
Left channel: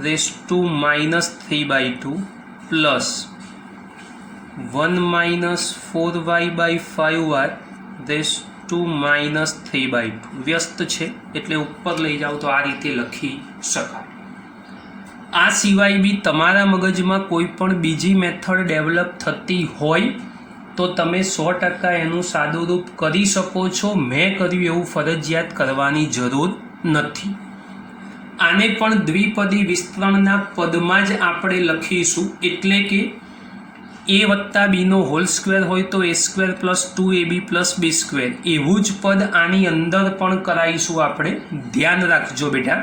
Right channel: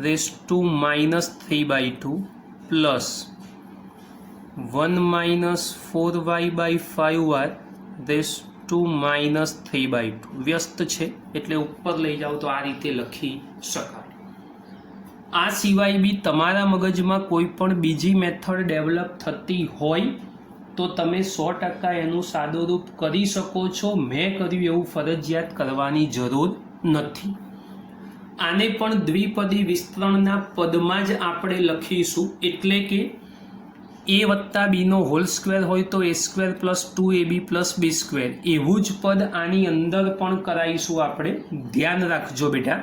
race to -3/2 plus 1 - 4y/5r race to -3/2 વ્યસ્ત છે એટલે ઉપર લઈ જાઓ તો આ રીતે લખી શકાય. આ સિવાય બી તમારા મગજમાં કોઈ પણ બીજી મેથડ ડેવલપ થતી હોય તો તમે 100% એનું સાદું રૂપ કરી શકો છો. મેં કર્યું એવું ફરજિયાત કરવાની જરૂર નથી. આને પણ દ્વિપદી વિસ્તરણના પદમાં જ આપણે લખીશું, એટલે કે a વત્તા બીનો હોલ સ્ક્વેર હોય તો a² + 2ab + b² એવું જ પદ આની અંદર પણ કરાવીશું આપણે. ધ્યાન રાખજો બેટા.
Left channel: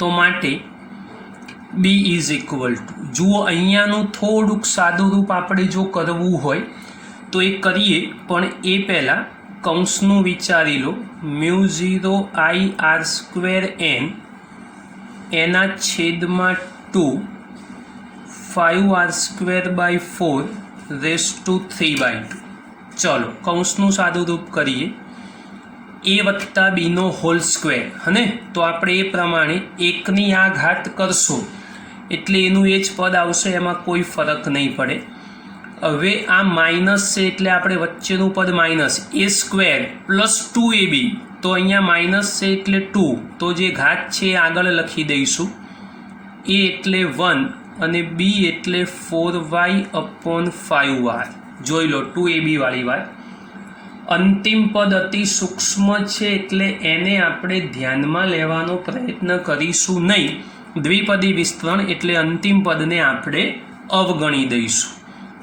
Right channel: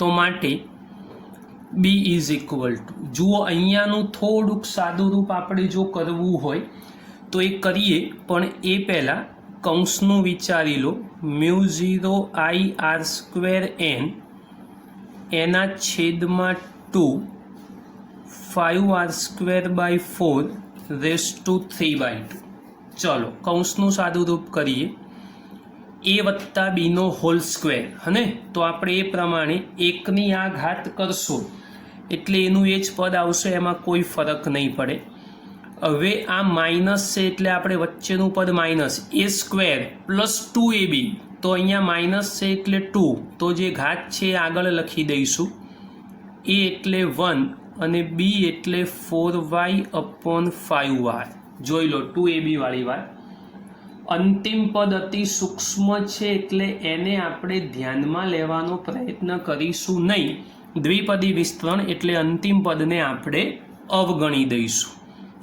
તો માટે b = જુઓ અહીંયાનું થોડુંક સાદું રૂપ આપણે જો કરવું હોય તો એ કરીએ, પણ એ પહેલાં કૌંસનું વિચારી લો. μ0ir² એના છેદમાં 2 5r²/4 રેસ ટુ 3/2. ચલો કૌંસનું સાદું રૂપ કરીએ. a વત્તા બીનો હોલ સ્ક્વેર હને, તો આપણે એ પ્રમાણે એકની આ ઘાત કરશો એટલે એનું એ જ પદ આવશે, એમાં કોઈ ફરક નહીં પડે. હવે આ માઇનસ છે એટલે આપણે વચ્ચેનું પદ માઇનસ a² + 2ab, તો અહીંયા માઇનસ છે એટલે 2, તો જે ઘાત છે એ આગળ લખી દઈશું. a એટલે 1 અને b એટલે 4y/5r. જોઈ લો 2ab વાળી વાત. અંતિમ પદ અતિ સૂક્ષ્મ છે એટલે એને આપણે ધ્યાનમાં લેવાનો પ્રયત્ન કરીશું નહીં. દ્વિપદી વિસ્તરણ એટલે અંતિમ પદને આપણે અવગણી દઈશું.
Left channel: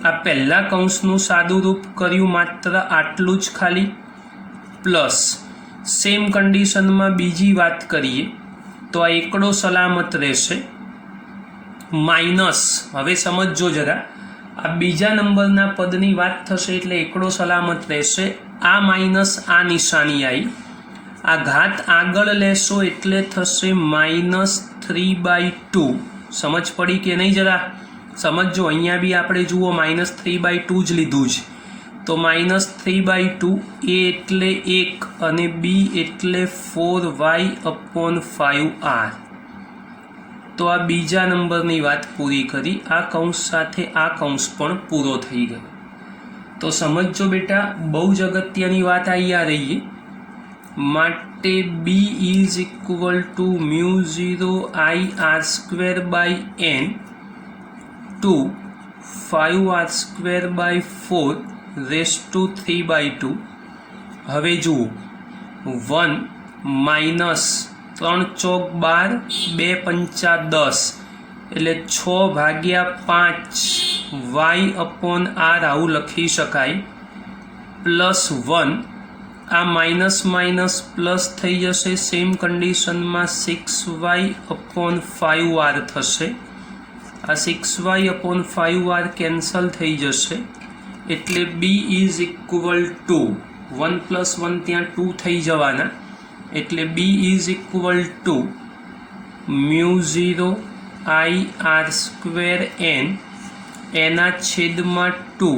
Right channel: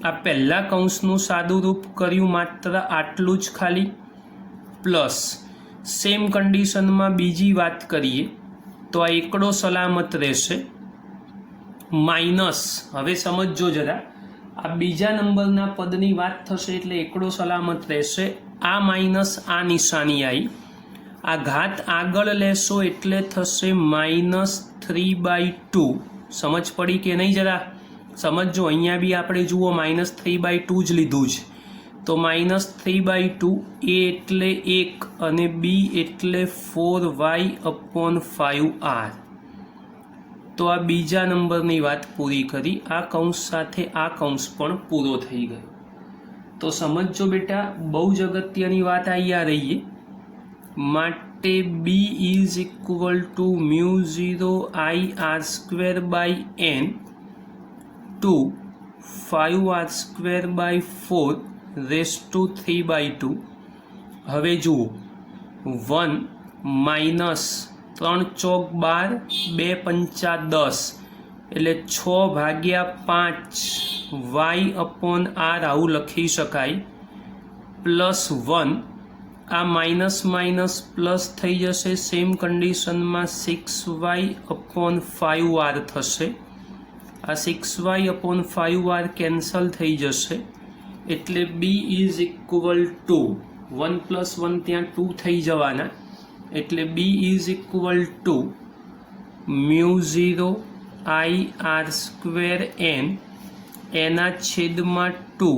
આ પહેલા કૌંસનું સાદું રૂપ કર્યું, માત્ર આટલું જ ખાલી. પ્લસ સેમ કન્ડિશનમાં બીજી વાત કરીએ તો આ એકડો સલામત રહેશે. માઇનસ, હવે સમજો જરા, આ બીજા નંબરના પદની વાત થશે એટલે એકડો સલામત રહેશે. આ માઇનસ આ નિશાની આવી, આ ઘાત આગળ લેશો એટલે થશે -3/2. સમજ પડી કે નહીં? જરા સમજો. અહીંયા બી આપણે જુઓ -3/2 જ લીધું છે, તો -3/2, a એટલે 1 અને b એટલે 4y/5r. તો આ બીજા નંબરની વાત પૂરી કરી. આ કૌંસ સાથે આ કૌંસ પણ પૂરો થઈ ગયો. તો સમજો બેટા, બહુ જ અગત્યની વાત અહીંયા રહીએ. માટે b = μ0ir²n to 5r²/4 race to 3/2. હવે જુઓ 1 - 3 ચોક 12, 2 પંચા 10 એટલે 6/5 y/r આવું લખી શકાય. +1, આ માઇનસ માઇનસ પ્લસ થઈ જશે. સેમ કન્ડિશનમાં 6y/5r થશે. આ 6y/5r કેન્સલ થઈ જશે એટલે b = 1 + 1 ત્યાં 2 થઈ જવાના, એટલે b = μ0ir²n એના છેદમાં 2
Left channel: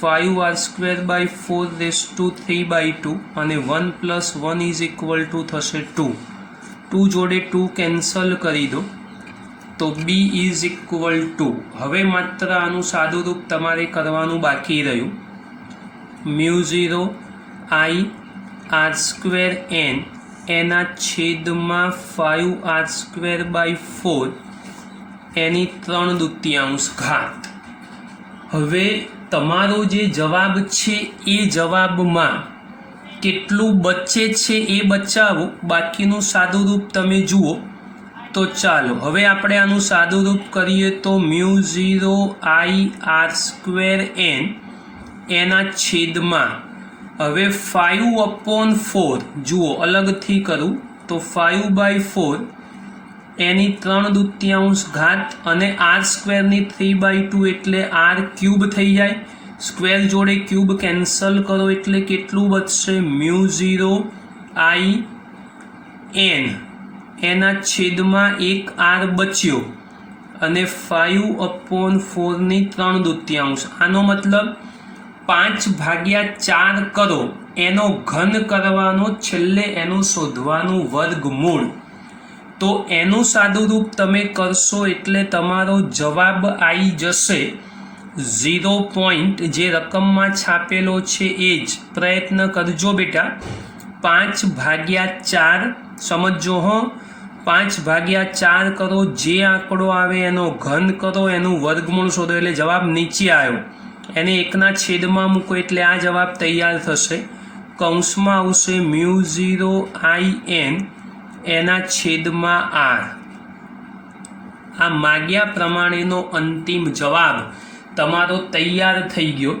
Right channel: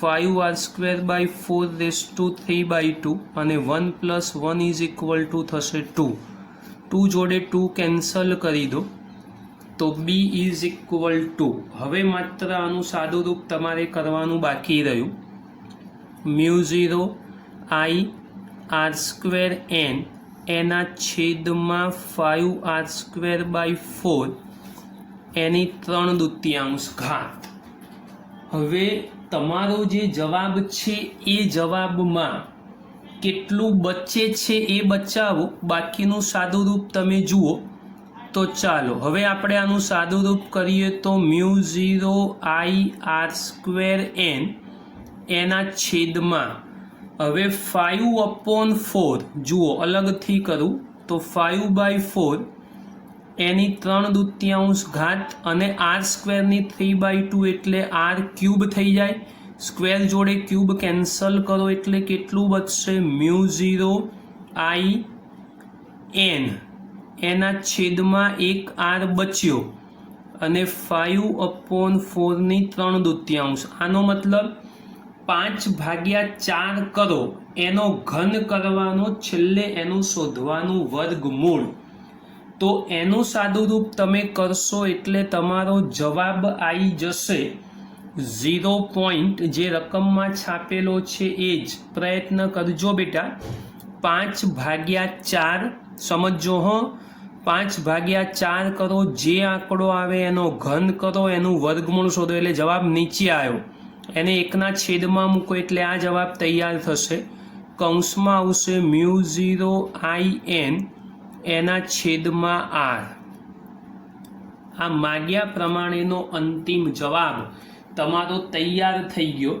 5r²/4 રેસ ટુ 3/2 અને 1 + 1 = થશે 2. 2 જોડે 2 કેન્સલ કરી દો તો b = હવે માત્ર આનું સાદું રૂપ તમારે કરવાનું બાકી રહ્યું. μ0ir²n એના છેદમાં 5r²/4 એની 3/2 ઘાત. હવે તમારો જે જવાબ છે એ જવાબમાં કેટલું બચે છે એ બચાવો, બાકીનું સાદું રૂપ તમે જુઓ. તો ચાલો હવે આપણે આનું સાદું રૂપ કરીએ તો μ0ir²n એના છેદમાં, હવે 5/4 જુઓ અલગથી કરું તો 5/4 એની 3/2 ઘાત અને r² 3/2 એટલે r³ થઈ જાય. સ્ક્વેર જોડે ક્યુબ કેન્સલ કરો એટલે કેટલું બચશે? μ0in એના છેદમાં 1r બચ્યો અને 5/4 ની 3/2. આનો મતલબ 5/4 કરો એનો ઘન કરવાનો, છેલ્લે એનું શોધવાનું વર્ગમૂળ. તો એનું સાદું રૂપ તમે કરશો એટલે તમારો જવાબ આવી જશે 0. જે રકમમાં છાપેલો છે એ જ પ્રયત્ન કરજો બેટા. 5/4 સમજો હો. 5/4 કરો, જે આંકડો આવે એનો ઘન કરો, એનું વર્ગમૂળ શોધો એટલે જવાબ નીચે આવ્યો. એને 1/છેદમાં મૂકો એટલે આ જવાબ તૈયાર થશે. કૌંસમાં આવશે μ0 IN (r). આ માગ્યા પ્રમાણેનો અંતિમ જવાબ તમારો તૈયાર થઈ ગયો,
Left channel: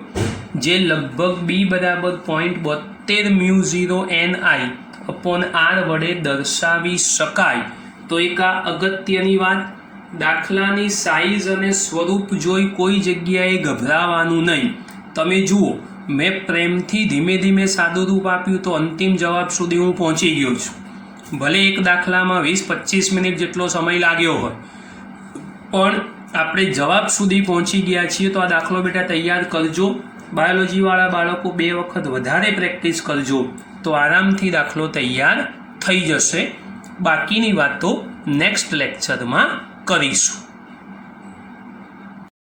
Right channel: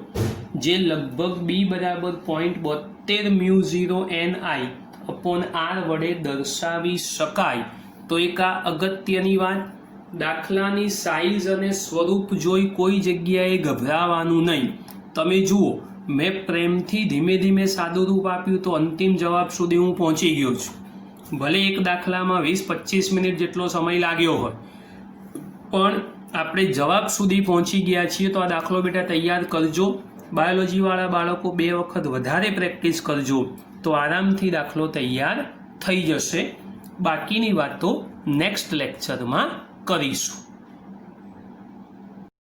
જે લગભગ b બરાબર 0.72 μ0 NI/r વડે દર્શાવી શકાય. તો એક આ અગત્યની વાત. દાખલાની સાઇઝ અને સ્વરૂપ જોઈ કોઈ જગ્યાએ ગભરાવાનું નહીં. તમે જુઓ, મેં પ્રેમથી ધીમે ધીમે સાદું રૂપ આપ્યું તો અંતિમ જવાબ સુધી હું પહોંચી ગયો છું. ભલે એક દાખલામાં 20-25 મિનિટ જેટલો સમય લાગ્યો હોય, પણ આપણે જવાબ સુધી પહોંચી ગયા છીએ. તો આ દાખલો બેટા તૈયાર કરજો. બાયોલોજીવાળા બાળકો 2 વખત વધારે પ્રેક્ટિસ કરજો તો આરામથી દાખલો તૈયાર થઈ જશે. બાકીની વાતો નેક્સ્ટ લેક્ચરમાં કરીશું.